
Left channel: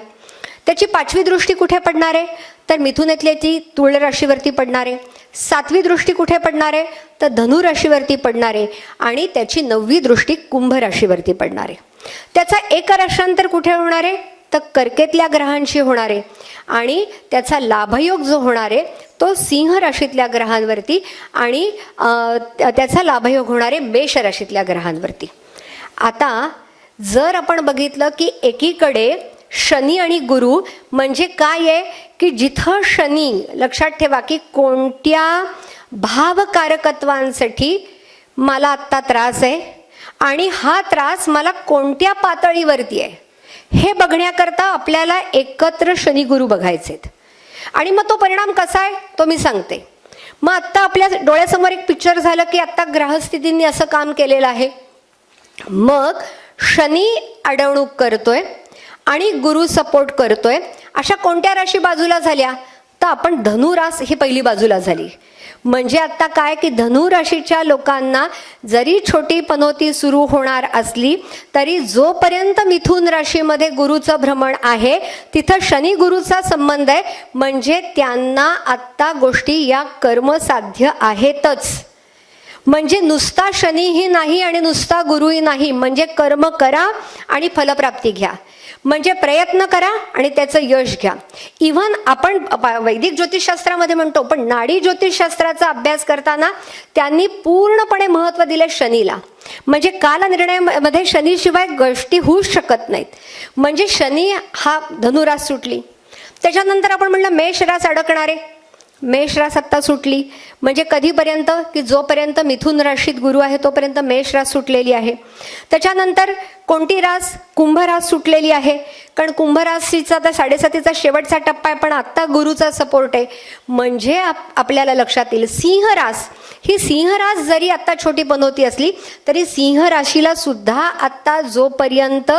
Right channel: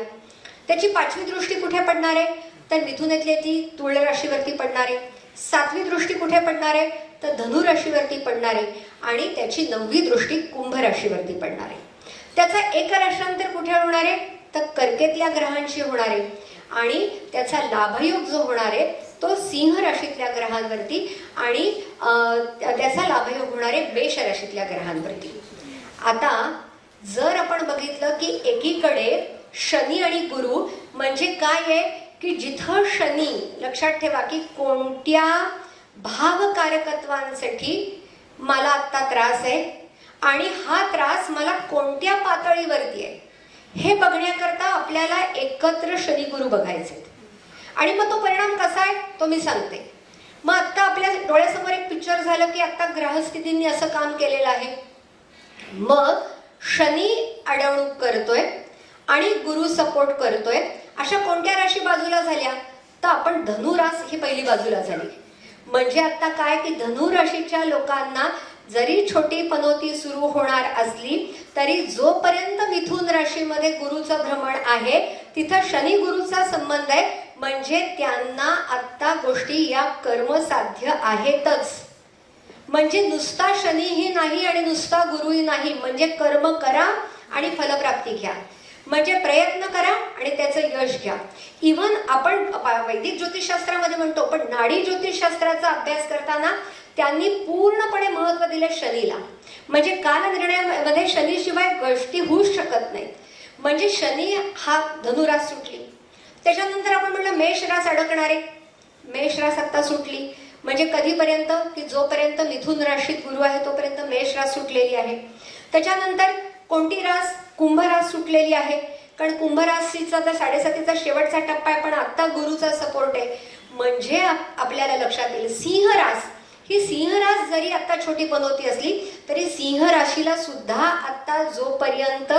त्याची 5वी दृष्टी कुठे पडणार आहे? तर मिथुनेतली ती तुळ राशीवरती पडणार आहे. 7वी दृष्टी कुठे पडणार आहे? तर धनु राशीवरती पडणार आहे. आणि त्याची 9वी दृष्टी कुंभ राशीवरती पडणार आहे. त्याचा एक राशांतर कुठे होणार आहे? तर कर्केतल्या ग्रहांशी होणार आहे. आणि त्याचा लाभयोग जो होणार आहे तो सिंह राशीतल्या ग्रहांवरती आणि त्याचा लाभयोग होणार आहे मेष राशीतल्या ग्रहांवरती. आता जर आपण बघितलं की एकीकडे शनी आणि गुरु म्हणजे काय आहे की जिथं शनी, लक्षात ठेवा की कोणत्या भावकारकत्वांसाठी मला आत्ता त्रास आहे आणि हा त्रास मला कोणत्या पातळीवरती आहे हे बघण्याकरता आपल्याला एकत्र शनी गुरु बघायचेत. आणि मग तो परिणाम कसा आहे तो मी सांगते. मग आत्ता आपल्या डोळ्यासमोर एक पिक्चर झालं की आत्ता ग्रहस्थितींनी असं काम केलेलं आहे. मग शनी अडवणूक करतोय आणि गुरु सपोर्ट करतोय. अशा कोणत्या राशी बाजूला झाल्या? तर आपण धनु रास ही पहिली बाजूला झाली. म्हणजे आता काय की धनु राशीच्या लोकांना जरी छोटी पनौती सुरू होणार असली तरी जोपर्यंत मिथुन राशीमध्ये गुरुचं भ्रमण आहे तिथं शनी गुरुचा संबंध आहे. म्हणजे त्यांना आत्ता गोष्टी या कर्मसाध्य आहेतच. म्हणजे नुसता शनीही नाही आणि नुसता गुरुही नाही. म्हणजे कर्म करा आणि फलप्राप्ती घ्या. म्हणजे प्रयत्न करा आणि त्याचं यश घ्या. इव्हन आपण वैदिक ज्योतिषशास्त्रामध्ये म्हणतो पण नाडी ज्योतिषशास्त्राचा अभ्यास करताना त्यांनी पूर्णपणे महत्त्व दिले शनीला. म्हणजे कालनिर्णयामध्ये शनीशिवाय गोष्टी होऊच शकत नाहीत. म्हणजे शनी हा धनुरास सुटली. त्याच्यानंतर आपण म्हणलं मेष रास अडकणारे, मेष रास आत्ता सुटली. म्हणजे कधीपर्यंत की जोपर्यंत मिथुन राशीत गुरु आहे तोपर्यंत मेष रास सुटलेली आहे. त्याच्यानंतर कोणती रास? कुंभ रास सुटलेली आहे. कारण कुंभ राशीचा आता 7.5चा शेवटचा टप्पा आहे पण आत्ता गुरुचा सपोर्ट आहे. म्हणजे आपल्याला लक्षात येईल सिंह रास ही सिंह रास जरी आता छोटी पनौती असली तरी सिंह राशीला सुद्धा आता जोपर्यंत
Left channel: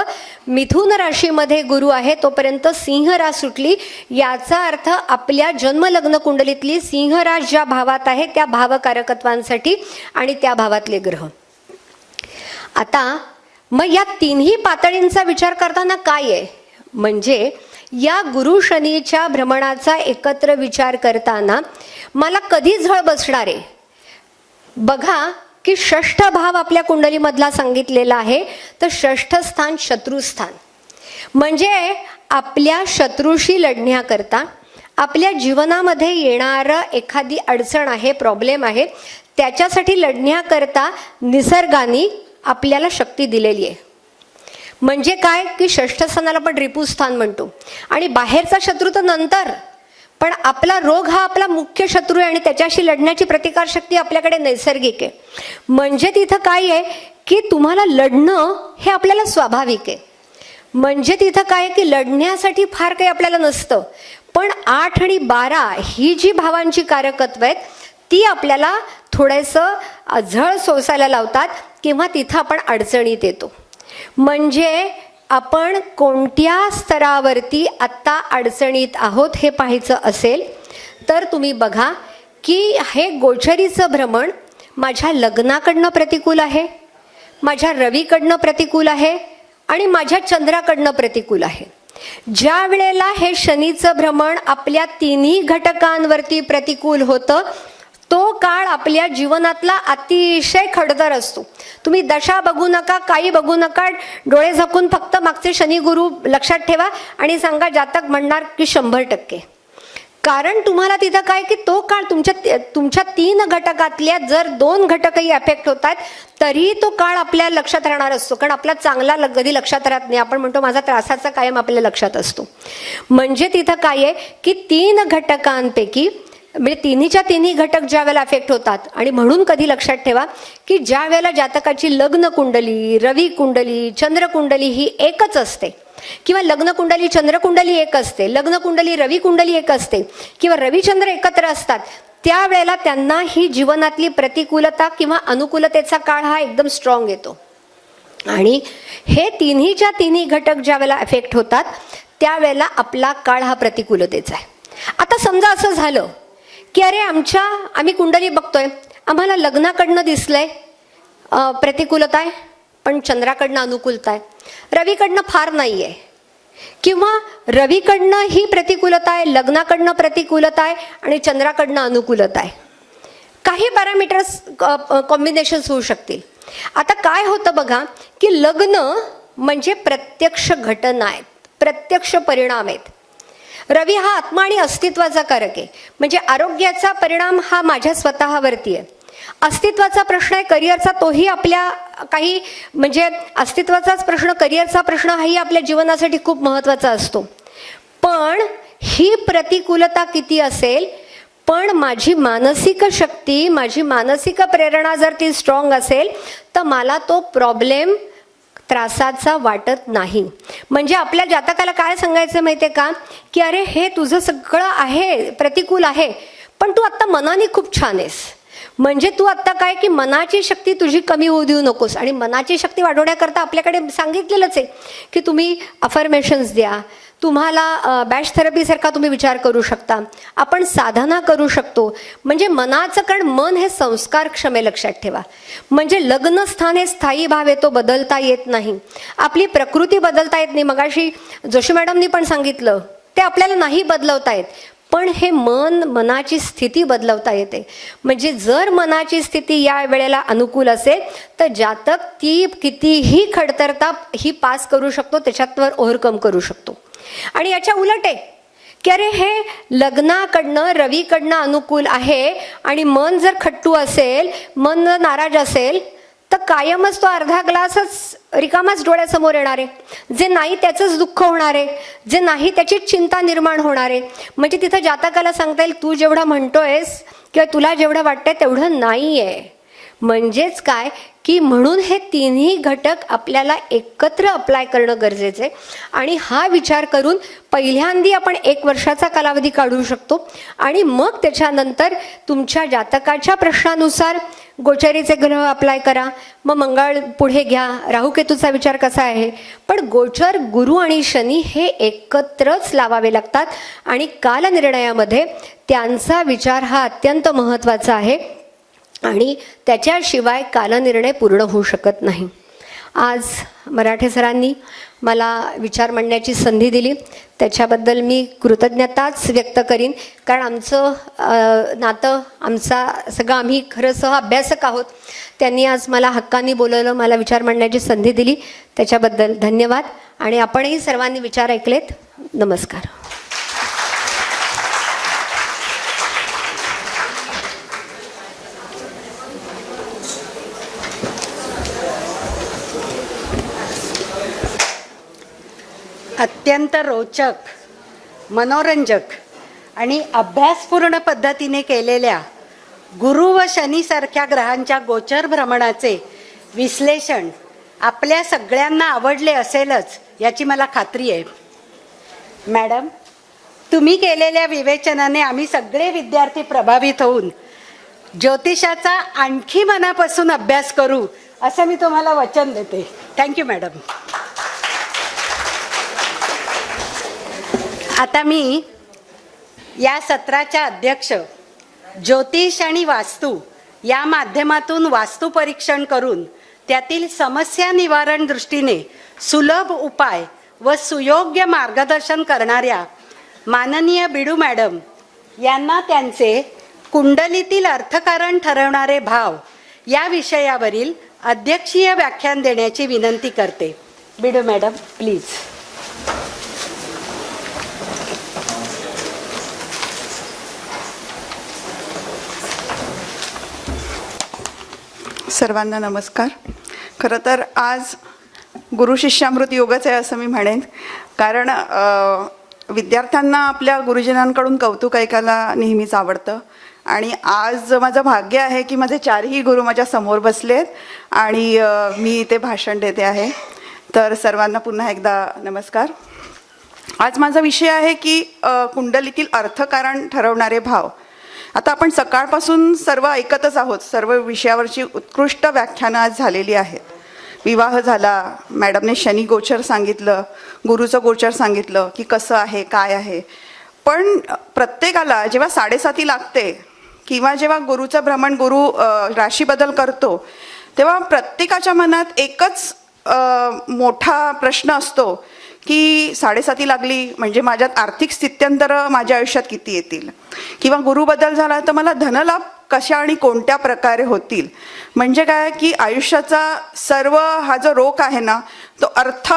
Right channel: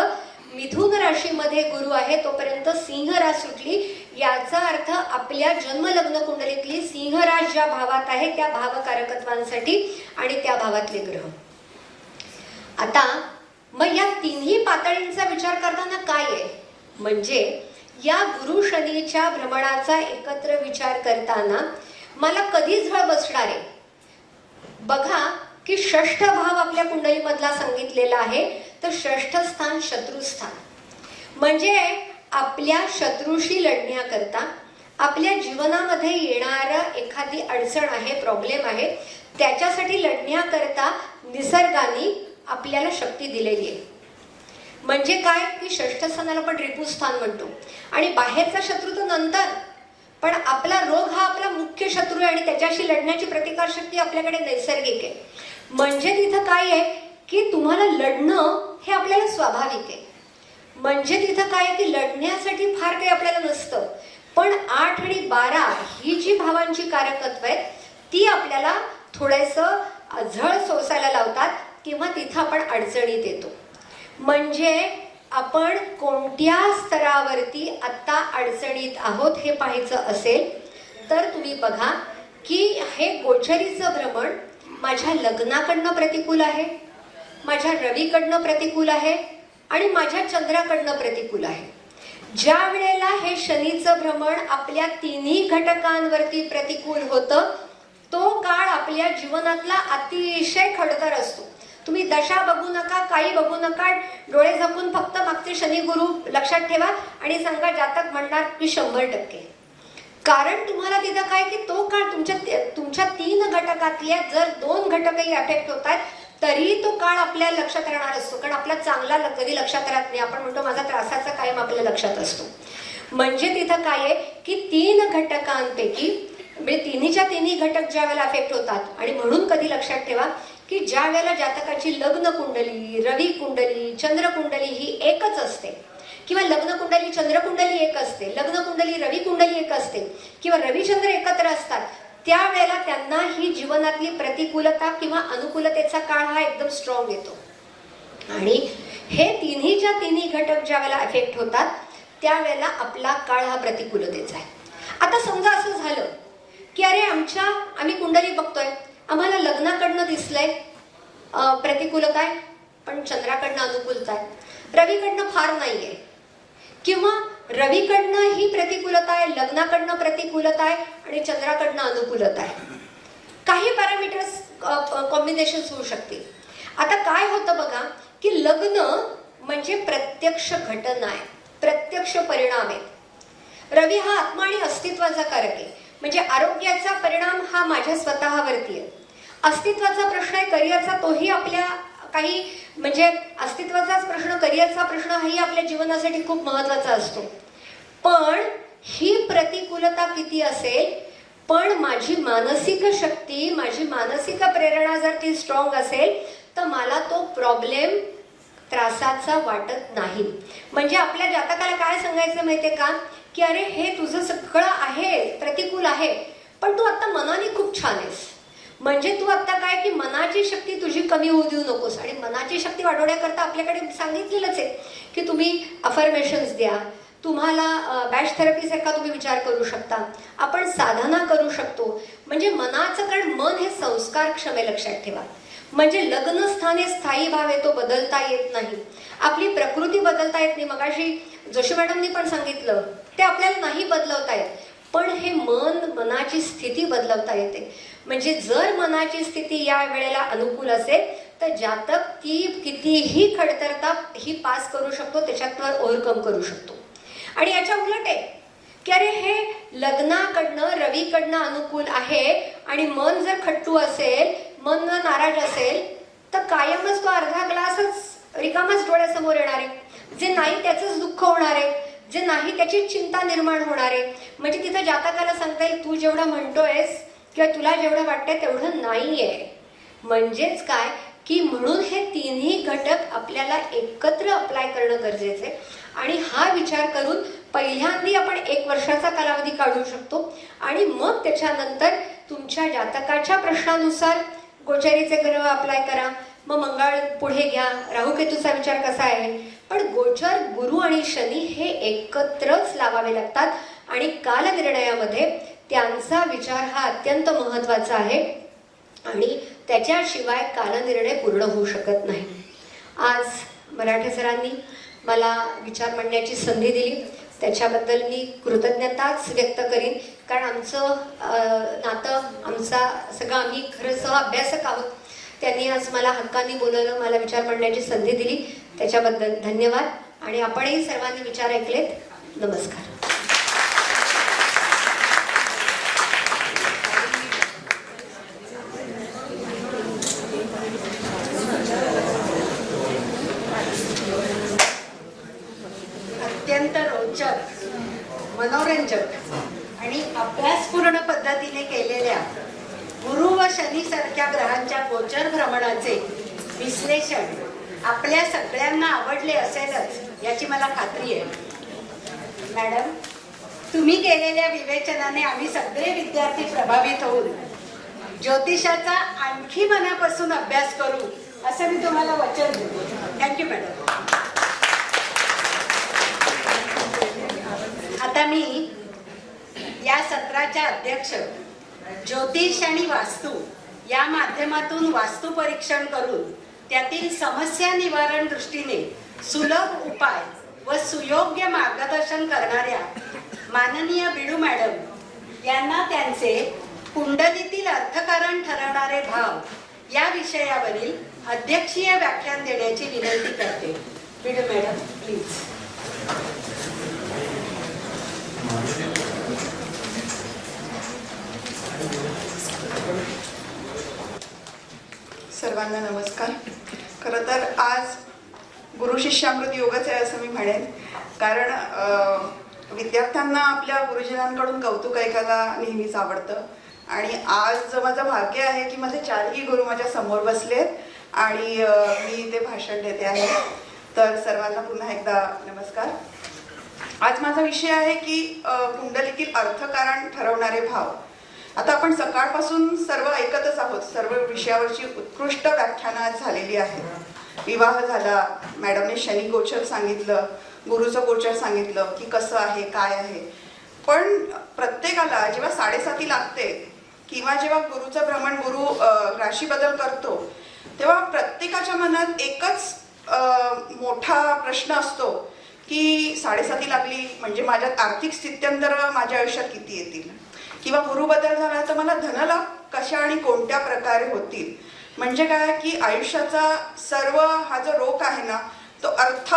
मिथुन राशीमध्ये गुरु आहे तोपर्यंत सिंह रास सुटली. याचा अर्थ आपल्या जन्मलग्न कुंडलीतली सिंह रास ज्या भावात आहे त्या भावकारकत्वांसाठी आणि त्या भावातले ग्रह. आता मग या तिन्ही पातळींचा विचार करताना काय आहे? म्हणजे या गुरु शनीच्या भ्रमणाचा एकत्र विचार करताना मला कधी झळ बसणार आहे? बघा की 6ठ भाव आपल्या कुंडलीमधला सांगितलेला आहे. तर 6ठ स्थान शत्रुस्थान. म्हणजे आपल्या शत्रूशी लढण्याकरता आपल्या जीवनामध्ये येणारं एखादी अडचण आहे, प्रॉब्लेम आहे, त्याच्यासाठी लढण्याकरता निसर्गाने आपल्याला शक्ती दिलेली आहे. म्हणजे काय की 6ठ स्थानाला आपण रिपुस्थान म्हणतो. आणि बाहेरचा शत्रू तर नंतर, पण आपला रोग हा आपला मुख्य शत्रू आहे आणि त्याच्याशी लढण्याची प्रतिकारशक्ती आपल्याकडे नैसर्गिक आहे. म्हणजे तिथं काय आहे की तुम्हाला लढणं हे आपल्याला स्वाभाविक आहे. म्हणजे तिथं काय आहे की लढण्यासाठी फार काही आपल्याला नसतं, पण 8 आणि 12 ही जी भावांची कारकत्व आहेत ती आपल्याला थोडंसं झळ सोसायला लावतात किंवा तिथं आपण अडचणीत येतो. म्हणजे आपण कोणत्या स्तरावरती आत्ता अडचणीत आहोत हे पाहायचं असेल तर तुम्ही बघा की हे गोचरीचं भ्रमण माझ्या लग्नाकडनं प्रतिकूल आहे, माझ्या रवीकडनं प्रतिकूल आहे आणि माझ्या चंद्राकडनं प्रतिकूल आहे. ज्या वेळेला हे शनीचं भ्रमण आपल्या तिन्ही घटकांवरती प्रतिकूल होतं तो काळ आपल्या जीवनातला अतिशय खडतर असतो. तुम्ही दशा बघू नका, काही बघू नका, डोळे झाकून फक्त मागचे शनी गुरु लक्षात ठेवा आणि सांगा जातक म्हणणार की 100%. कारण तुम्हाला तिथं काय की तो काळ तुमच्या 3 घटकातल्या जर 2 घटकही अफेक्ट होत आहेत तरी तो काळ आपल्या लक्षात राहणार असतो. कारण आपला चांगला कधी लक्षात राहत नाही. आपण म्हणतो माझा त्रासाचा कायम आपल्या लक्षात असतो. म्हणजे तिथं काय आहे की 3 घटकांपैकी म्हणजे तिन्हीच्या तिन्ही घटक ज्या वेळेला अफेक्ट होतात आणि म्हणून कधी लक्षात ठेवा की ज्या वेळेला जातकाची लग्न कुंडली, रवी कुंडली, चंद्र कुंडली ही एकच असते किंवा लग्न कुंडली चंद्र कुंडली एक असते, लग्न कुंडली रवी कुंडली एक असते किंवा रविचंद्र एकत्र असतात, त्यावेळेला त्यांना ही जीवनातली प्रतिकूलता किंवा अनुकूलतेचा काळ हा एकदम स्ट्रॉंग येतो. आणि हे तिन्हीच्या तिन्ही घटक ज्या वेळेला अफेक्ट होतात त्यावेळेला आपला काळ हा प्रतिकूलतेचा आहे. आता समजा असं झालं की अरे आम्ही कुंडली बघतोय, आम्हाला लग्नाकडनं दिसलंय प्रतिकूलता आहे पण चंद्राकडनं अनुकूलता आहे, रवीकडनं फार नाहीये किंवा रवीकडनं ही प्रतिकूलता आहे, लग्नाकडनं प्रतिकूलता आहे आणि चंद्राकडनं अनुकूलता आहे. काही पॅरामीटर्स कॉम्बिनेशन्स होऊ शकतील. आता काय होतं बघा की लग्न म्हणजे प्रत्यक्ष घटना आहेत, प्रत्यक्ष परिणाम आहेत. रवी हा आत्मा आणि अस्तित्वाचा कारक आहे. म्हणजे आरोग्याचा परिणाम हा माझ्या स्वतःवरती आहे. अस्तित्वाचा प्रश्न आहे, करिअरचा, तोही आपल्या काही म्हणजे अस्तित्वाचाच प्रश्न, करिअरचा प्रश्न हाही आपल्या जीवनासाठी खूप महत्वाचा असतो. पण ही प्रतिकूलता किती असेल पण माझी मानसिक शक्ती, माझी मानसिक प्रेरणा जर ती स्ट्रॉंग असेल तर मला तो प्रॉब्लेम त्रासाचा वाटत नाही. म्हणजे आपल्या जातकाला काय सांगायचं माहितीये का की अरे हे तुझं सगळं आहे प्रतिकूल आहे पण तू आता मनाने खूप छान आहेस. म्हणजे तू आता काय की मनाची शक्ती तुझी कमी होऊ देऊ नकोस. आणि मनाची शक्ती वाढवण्याकरता आपल्याकडे सांगितलेलंच आहे की तुम्ही अफर्मेशन्स द्या, तुम्हाला बॅच थेरपी सारखा तुम्ही विचार करू शकता, आपण साधना करू शकतो. म्हणजे मनाचं, कारण मन हे संस्कारक्षम आहे, लक्षात ठेवा. म्हणजे लग्नस्थान हे स्थायी भाव आहे, तो बदलता येत नाही. आपली प्रकृती बदलता येत नाही. मगाशी जोशी मॅडमनी पण सांगितलं ते आपल्याला नाही बदलवता येत, पण हे मनाची स्थिती बदलवता येते. म्हणजे जर मनाची स्थिती या वेळेला अनुकूल असेल तर जातक ती कितीही खडतरता ही पास करू शकतो, त्याच्यावर ओव्हरकम करू शकतो. आणि याच्या उलट आहे की अरे हे लग्नाकडनं रवीकडनं अनुकूल आहे आणि मन जर खट्टू असेल, मन जर नाराज असेल तर कायमच तो अर्धा ग्लासच रिकामाच डोळ्यासमोर येणार आहे. जे नाही त्याचंच दुःख होणार आहे, जे नाही त्याचीच चिंता निर्माण होणार आहे. म्हणजे तिथं जातकाला सांगता येईल तू जेवढं म्हणतोयस किंवा तुला जेवढं वाटतंय तेवढं नाहीये. म्हणजेच काय की म्हणून हे तिन्ही घटक आपल्याला एकत्र अप्लाय करणं गरजेचं आहे. आणि हा विचार करून पहिल्यांदा आपण 1 वर्षाचा कालावधी काढू शकतो आणि मग त्याच्यानंतर तुमच्या जातकाच्या प्रश्नानुसार गोचरीचे ग्रह अप्लाय करा. मग मंगळ पुढे घ्या, राहुकेतूचा विचार कसा आहे. पण गोचर, गुरु आणि शनी हे एकत्रच लावावे लागतात आणि कालनिर्णयामध्ये त्यांचा विचार हा अत्यंत महत्त्वाचा आहे आणि त्याच्याशिवाय कालनिर्णय पूर्ण होऊ शकत नाही. आज मराठे सरांनी मला विचार मांडण्याची संधी दिली, त्याच्याबद्दल मी कृतज्ञताच व्यक्त करीन. कारण आमचं नातं, सगळं आम्ही खरं सह अभ्यासक आहोत. त्यांनी आज मला हक्कानी बोलवलं, मला विचार मांडण्याची संधी दिली, त्याच्याबद्दल धन्यवाद. आणि आपणही सर्वांनी विचार ऐकलेत. नमस्कार. अत्यंत रोचक, मनोरंजक आणि अभ्यासपूर्ण पद्धतीने केलेल्या गुरु व शनी सारख्या ग्रहांच्या गोचर भ्रमणाचे विश्लेषण आपल्या सगळ्यांना आवडले असेलच याची मला खात्री आहे। मॅडम, तुम्ही केलेल्या विवेचनाने आम्ही सगळे विद्यार्थी प्रभावित होऊन ज्योतिषाचा आणखी मनापासून अभ्यास करू असं मी तुम्हाला वचन देते। Thank you madam. आता मी या सत्राच्या अध्यक्ष ज्योतिष आणि वास्तू या माध्यमातून वास्तू परीक्षण करून त्यातील समस्या निवारण दृष्टीने सुलभ उपाय व सुयोग्य मार्गदर्शन करणाऱ्या माननीय बिडू मॅडम यांना त्यांचे कुंडलीतील अर्थकारण ठरवणारे भाव या विषयावरील अध्यक्षीय व्याख्यान देण्याची विनंती करते। बिडू मॅडम, प्लीज। सर्वांना नमस्कार। खरं तर आज गुरु शिष्यामृत योगच आहे असं मी म्हणेन, कारण विद्यार्थ्यांना आपल्या गुरुजनांकडून कौतुक ऐकायला नेहमीच आवडतं आणि आज माझं भाग्य आहे की माझे चारही गुरु माझ्या समोर बसलेत आणि मी इथे भाषण देते आहे। तर सर्वांना पुन्हा एकदा नमस्कार। आज माझा विषय आहे की कुंडलीतील अर्थकारण ठरवणारे भाव। आता आपण सकाळपासून सर्व ऐकतच आहोत, सर्व विषयावरची उत्कृष्ट व्याख्यानं आज झालेली आहेत। विवाह झाला, मॅडमने शनी गोचर सांगितलं, गुरुचं गोचर सांगितलं की कसं आहे काय आहे, पण प्रत्येकाला जेव्हा 7:30 लागते किंवा जेव्हा गुरुचं भ्रमण गुरु राशी बदल करतो तेव्हा प्रत्येकाच्या मनात एकच मोठा प्रश्न असतो की 7:30 लागली म्हणजे माझ्यात आर्थिक स्थित्यंतर माझ्या आयुष्यात किती येतील, किंवा गुरु बदल झाला तर मला धनलाभ कशा आणि कोणत्या प्रकारे होतील। म्हणजे काय की आयुष्याचा सर्व हा जो रोख आहे ना तो अर्थ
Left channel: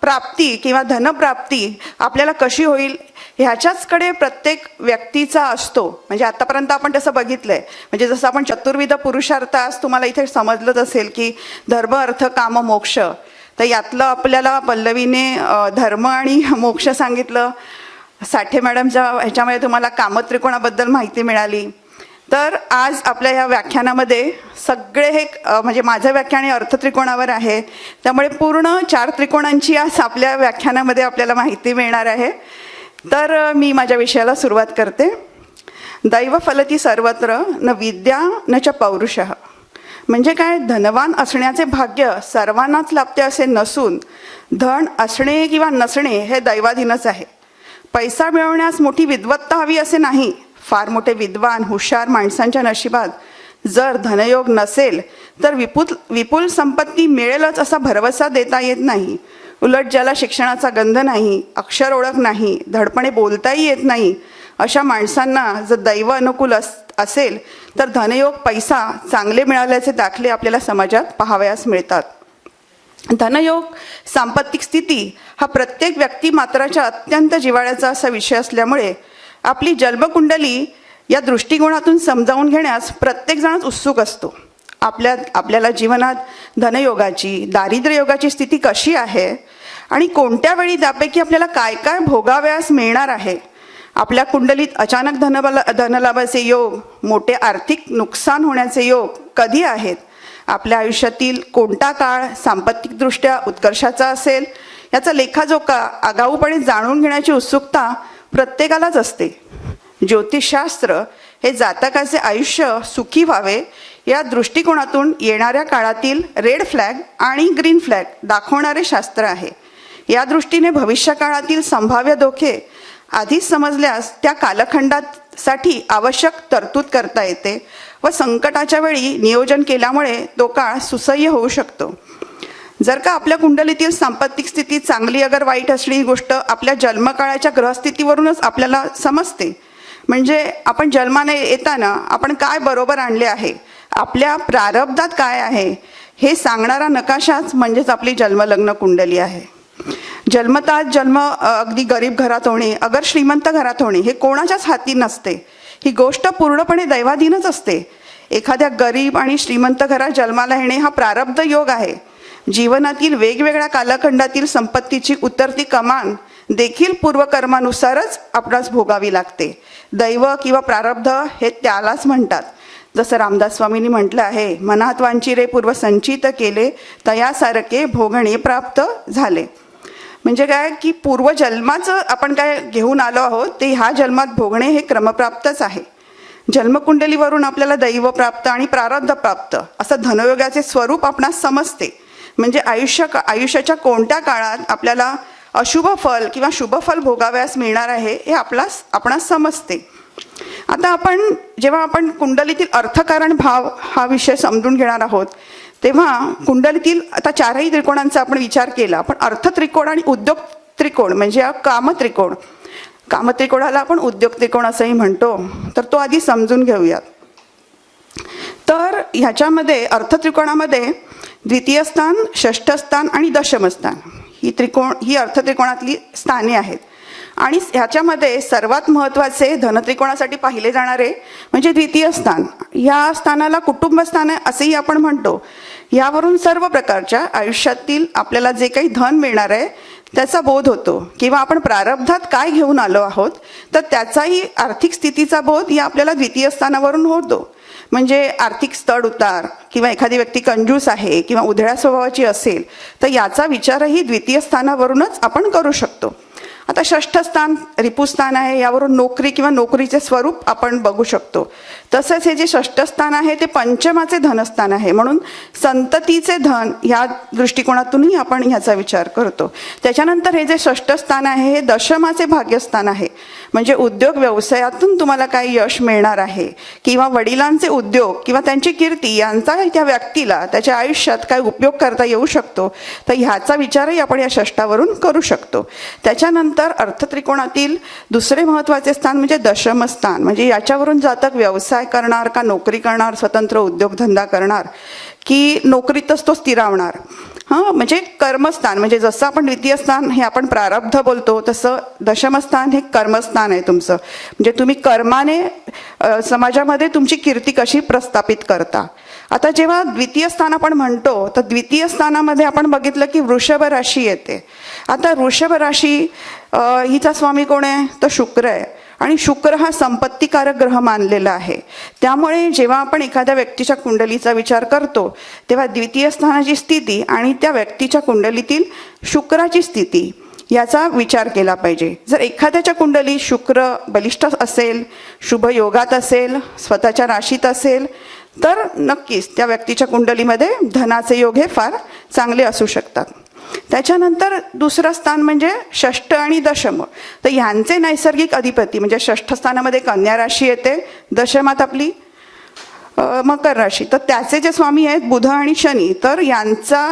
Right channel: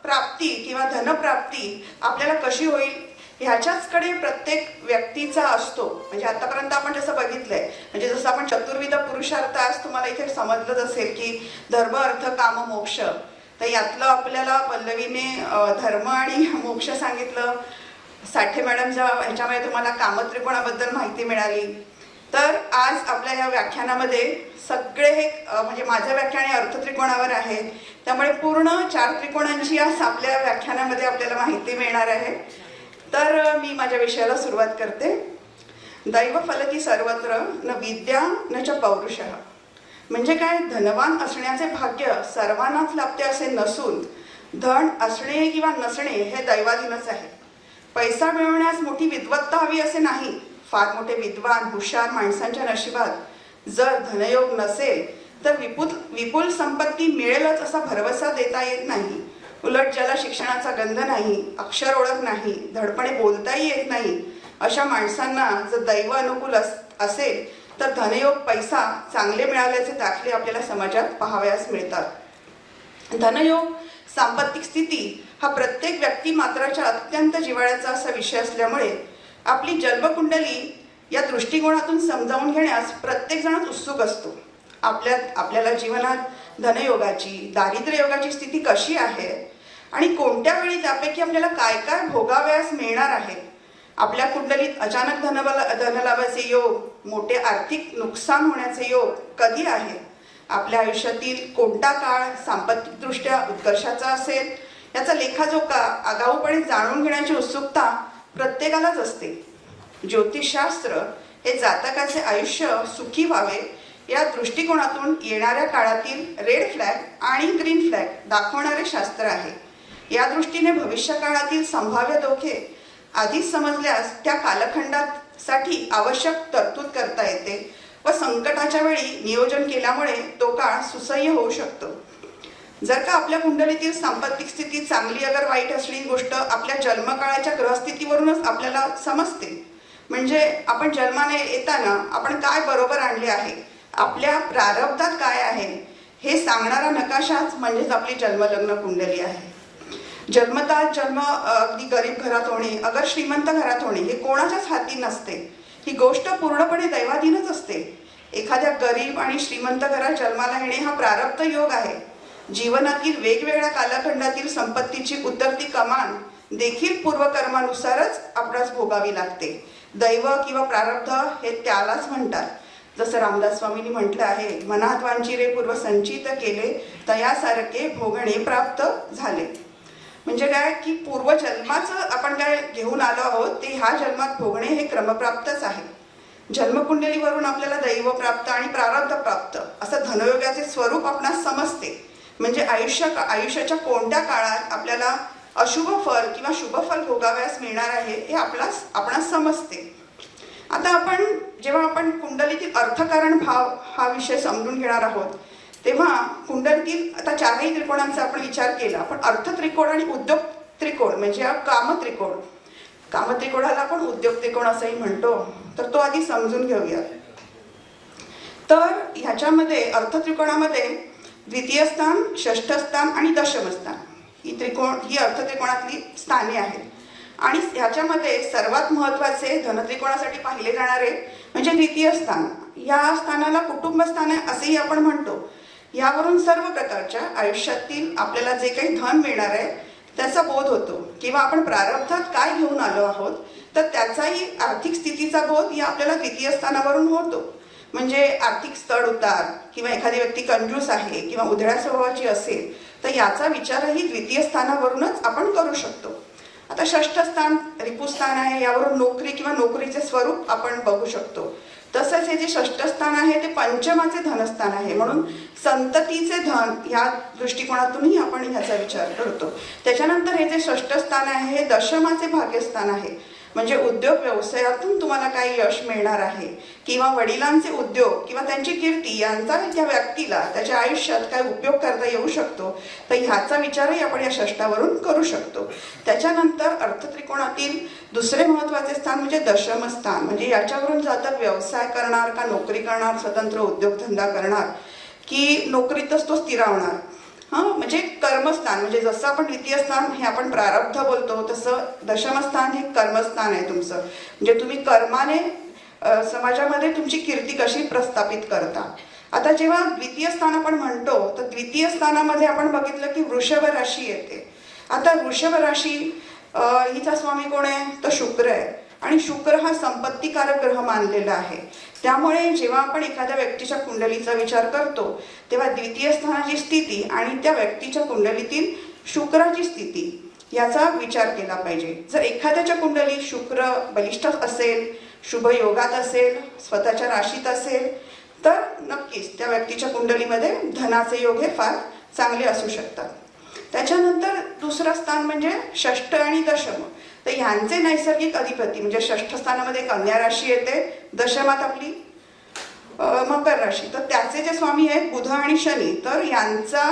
प्राप्ती किंवा धनप्राप्ती आपल्याला कशी होईल ह्याच्याचकडे प्रत्येक व्यक्तीचा असतो। म्हणजे आतापर्यंत आपण तसं बघितलंय, म्हणजे जसं आपण चतुर्विध पुरुषार्थ आज तुम्हाला इथे समजलंच असेल की धर्म अर्थ काम मोक्ष, तर यातलं आपल्याला पल्लवीने धर्म आणि मोक्ष सांगितलं। साठे मॅडमच्या ह्याच्यामध्ये तुम्हाला कामत्रिकोणाबद्दल माहिती मिळाली। तर आज आपल्या ह्या व्याख्यानामध्ये सगळे हे म्हणजे माझं व्याख्यान हे अर्थत्रिकोणावर आहे, त्यामुळे पूर्ण 4 त्रिकोणांची आज आपल्या व्याख्यानामध्ये आपल्याला माहिती मिळणार आहे। तर मी माझ्या विषयाला सुरुवात करते। दैव फलती सर्वत्र न विद्या न च पौरुषः। म्हणजे काय, धनवान असण्याचे भाग्य सर्वांनाच लाभते असे नसून धन असणे किंवा नसणे हे दैवाधीनच आहे। पैसा मिळवण्यास मोठी विद्वत्ता हवी असे नाही। फार मोठे विद्वान हुशार माणसांच्या नशिबात जर धनयोग नसेल तर विपुल संपत्ती मिळेलच असा भरवसा देता येत नाही। उलट ज्याला शिक्षणाचा गंध नाही, अक्षर ओळख नाही, धडपणे बोलताही येत नाही, अशा माणसांना जर दैव अनुकूल असेल तर धनयोग पैसा चांगले मिळाल्याचे दाखले आपल्याला समाजात पाहावयास मिळतात। धनयोग सांपत्तिक स्थिती हा प्रत्येक व्यक्ती मात्राच्या अत्यंत जिव्हाळ्याचा असा विषय असल्यामुळे आपली जन्मकुंडली या दृष्टिकोनातून समजावून घेण्यास प्रत्येक जणच उत्सुक असतो। आपल्याला जीवनात धनयोगाची दारिद्र्य योगाची स्थिती कशी आहे आणि कोणत्या वेळी त्यापैकी आपल्याला काय काय भोगावयास मिळणार आहे, आपल्या कुंडलीत अचानक धनलाभाचे योग, मोठे आर्थिक नुकसान होण्याचे योग कधी आहेत, आपल्या आयुष्यातील कोणता काळ सांपत्तिकदृष्ट्या उत्कर्षाचा असेल याचा लेखाजोखा आगाऊपणे जाणून घेण्याची उत्सुकता प्रत्येकालाच असते। ज्योतिषशास्त्र हे जातकाचे आयुष्य सुखी व्हावे या दृष्टिकोनातून येणाऱ्या काळातील रेड फ्लॅग आणि ग्रीन फ्लॅग दाखवणारे शास्त्र आहे। या दृष्टीने भविष्य काळातील संभाव्य धोके आधीच समजल्यास त्या कालखंडासाठी आवश्यक तरतूद करता येते व संकटाच्या वेळी नियोजन केल्यामुळे तो काळ सुसह्य होऊ शकतो। जर का आपल्या कुंडलीतील सांपत्तिक स्थिती चांगली अगर वाईट असली ही गोष्ट आपल्या जन्मकाळाच्या ग्रहस्थितीवरूनच आपल्याला समजते। म्हणजे आपण जन्माने येताना आपण काय बरोबर आणले आहे, आपल्या प्रारब्धात काय आहे हे सांगणारा नकाशाच म्हणजेच आपली जन्मलग्न कुंडली आहे। जन्मतात जन्म अगदी गरीब घरात होणे अगर श्रीमंत घरात होणे हे कोणाच्याच हाती नसते, ही गोष्ट पूर्णपणे दैवाधीनच असते। एखाद्या गरीब आणि श्रीमंत घरात जन्माला येणे हा प्रारब्ध योग आहे। जीवनातील वेगवेगळ्या कालखंडातील संपत्तीची उतरती कमान देखील पूर्वकर्मानुसारच आपणास भोगावी लागते. दैव किंवा प्रारब्ध हे त्यालाच म्हणतात. जसं रामदास स्वामींनी म्हटलं आहे, मनात वांचिरे पूर्व संचित केले, तयासारखे भोगणे प्राप्त झाले. म्हणजे काय की पूर्वजन्माचं आपण काय घेऊन आलो आहोत ते ह्या जन्मात भोगणे हे क्रमप्राप्तच आहे. जन्मकुंडलीवरून आपल्याला दैव प्राप्त आणि प्रारब्ध प्राप्त असं धनयोगाचे स्वरूप आपणास समजते. म्हणजे आयुष्याच्या कोणत्या काळात आपल्याला अशुभ फल किंवा शुभ फल भोगाव्यास मिळणार आहे हे आपणास समजते. आता जेव्हा आपण कुंडलीतील अर्थकारण भाव हा विषय समजून घेणार आहोत, तेव्हा कुंडलीतील आता चारही त्रिकोणांचा आपण विचार केला, पण अर्थ त्रिकोण आणि उद्योग त्रिकोण म्हणजे कामत्रिकोण, कामत्रिकोणाला आपण उद्योग त्रिकोण असंही म्हणतो, तर तो आधी समजून घेऊयात. तर ह्याच्यामध्ये अर्थत्रिकोणामध्ये द्वितीय स्थान, षष्ठ स्थान आणि दशम स्थान ही अर्थत्रिकोणातली स्थाने आहेत. आणि ह्याच्यामध्ये सर्वात महत्त्वाचे धनत्रिकोणासाठी पाहिले जाणारे म्हणजे द्वितीय स्थान. या स्थानाला कुटुंब स्थान असेही आपण म्हणतो. यावरून सर्व प्रकारच्या आयुष्यातील आपल्याला जे काही धन मिळणार आहे त्याचा बोध होतो, किंवा आपण प्रारब्धात काय घेऊन आलो आहोत तर त्याचाही आर्थिक स्थितीचा बोध या आपल्याला द्वितीय स्थानावरून होतो. म्हणजे आर्थिक चढ उतार किंवा एखादी व्यक्ती कंजूस आहे किंवा उधळ्या स्वभावाची असेल तर याचा विचारही द्वितीय स्थानावरूनच आपण करू शकतो. आता षष्ठ स्थान रिपुस्थान आहे, यावरून नोकरी किंवा नोकरीचे स्वरूप आपण बघू शकतो. तसंच हे जे षष्ठ स्थान आहे ते पंचमाचे धनस्थान आहे, म्हणून संततीचे धन या दृष्टिकोनातूनही आपण ह्याचा विचार करतो. त्याच्यानंतर हे जे षष्ठ स्थान आहे हे दशमाचे भाग्यस्थान आहे, म्हणजे उद्योग व्यवसायातून तुम्हाला काय यश मिळणार आहे किंवा वडिलांचे उद्योग किंवा त्यांची कीर्ती यांचा त्या व्यक्तीला त्याच्या आयुष्यात काय उपयोग करता येऊ शकतो, तर ह्याचा विचारही आपण या षष्ठावरून करू शकतो. त्याच्यानंतर अर्थत्रिकोणातील दुसरे महत्त्वाचे स्थान म्हणजे दशमस्थान, म्हणजे याच्यावरून जातक व्यवसाय करणार का नोकरी करणार, स्वतंत्र उद्योगधंदा करणार की नोकरीतच तो स्थिरावणार. म्हणजे कर्मस्थान, म्हणजे जसं आपण द्वितीय स्थान हे आपण प्रारब्ध बोलतो तसं दशमस्थान हे कर्मस्थान आहे तुमचं. म्हणजे तुम्ही कर्माने समाजामध्ये तुमची कीर्ती कशी प्रस्थापित करता. आता जेव्हा द्वितीय स्थान आपण म्हणतो तर द्वितीय स्थानामध्ये आपण बघितलं की वृषभ राशी येते. आता वृषभ राशी हिचा स्वामी कोण आहे तर शुक्र आहे, आणि शुक्र हा संपत्तीकारक ग्रह मानलेला आहे. त्यामुळे जेव्हा आपण एखाद्या व्यक्तीच्या कुंडलीचा विचार करतो तेव्हा द्वितीय स्थानाची स्थिती आणि त्या व्यक्तीच्या कुंडलीतील शुक्राची स्थिती याचा विचार केला पाहिजे. जर एखाद्याच्या कुंडली शुक्र बलिष्ठ असेल, शुभ योगात असेल, स्वतःच्या राशीत असेल तर नक्कीच त्या व्यक्तीच्या कुंडलीमध्ये धनाचे योग हे फार चांगले असू शकतात. त्याच्यानंतर दुसरं स्थान म्हणजे षष्ठ आणि दशम, तर ह्यांचे नैसर्गिक अधिपती म्हणजे षष्ठ स्थानामध्ये कन्या राशी येते, दशमात आपली मकर राशी, तर त्याचे जे स्वामी आहेत बुध आणि शनी, तर यांचा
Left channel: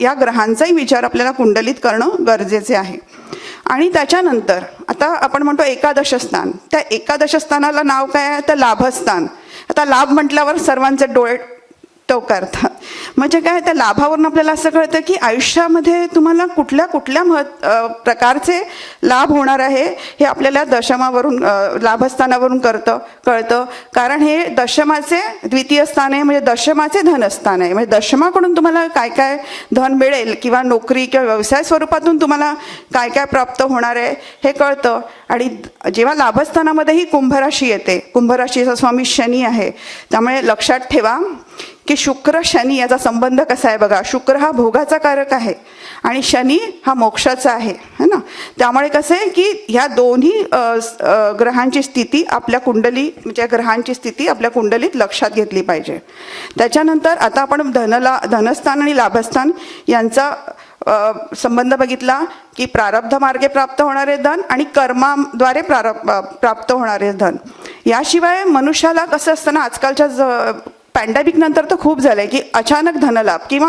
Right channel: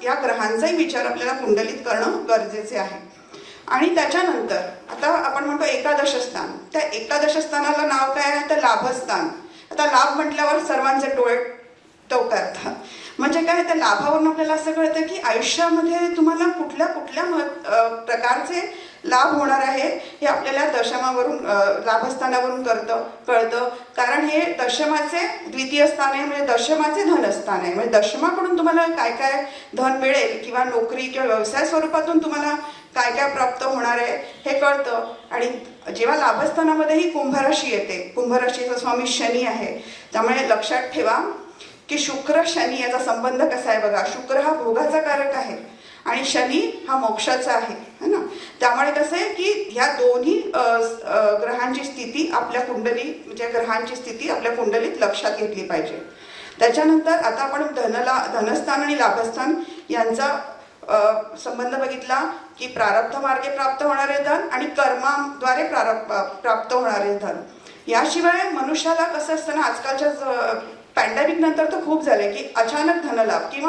या ग्रहांचाही विचार आपल्याला कुंडलीत करणं गरजेचे आहे. आणि त्याच्यानंतर आता आपण म्हणतो एकादश स्थान, त्या एकादश स्थानाला नाव काय आहे तर लाभस्थान. आता लाभ म्हटल्यावर सर्वांचे डोळे टवकारतात. म्हणजे काय त्या लाभावरून आपल्याला असं कळतं की आयुष्यामध्ये तुम्हाला कुठल्या प्रकारचे लाभ होणार आहे हे आपल्याला दशमावरून लाभस्थानावरून कळतं. कारण हे दशमाचे द्वितीय स्थान आहे, म्हणजे दशमाचे धनस्थान आहे. म्हणजे दशमाकडून तुम्हाला काय काय धन मिळेल किंवा नोकरी किंवा व्यवसाय स्वरूपातून तुम्हाला काय काय प्राप्त होणार आहे हे कळतं. आणि जेव्हा लाभस्थानामध्येही कुंभराशी येते, कुंभराशीचा स्वामी शनी आहे, त्यामुळे लक्षात ठेवा की शुक्र शनी याचा संबंध कसा आहे बघा. शुक्र हा भोगाचा कारक आहे आणि शनी हा मोक्षाचा आहे, है ना. त्यामुळे कसं आहे की ह्या दोन्ही ग्रहांची स्थिती आपल्या म्हणजे ग्रहांची स्थिती आपल्या कुंडलीत लक्षात घेतली पाहिजे. त्याच्यानंतर आता आपण धनस्थान आणि लाभस्थान यांचा संबंध बघितला की प्रारब्ध मार्गे प्राप्त होणारे धन आणि कर्माद्वारे प्राप्त होणारे धन. याशिवाय मनुष्याला कसं असतं ना, आजकालच्या पॅन्डेमिक नंतर तर खूप झालंय की अचानक धनलाभ किंवा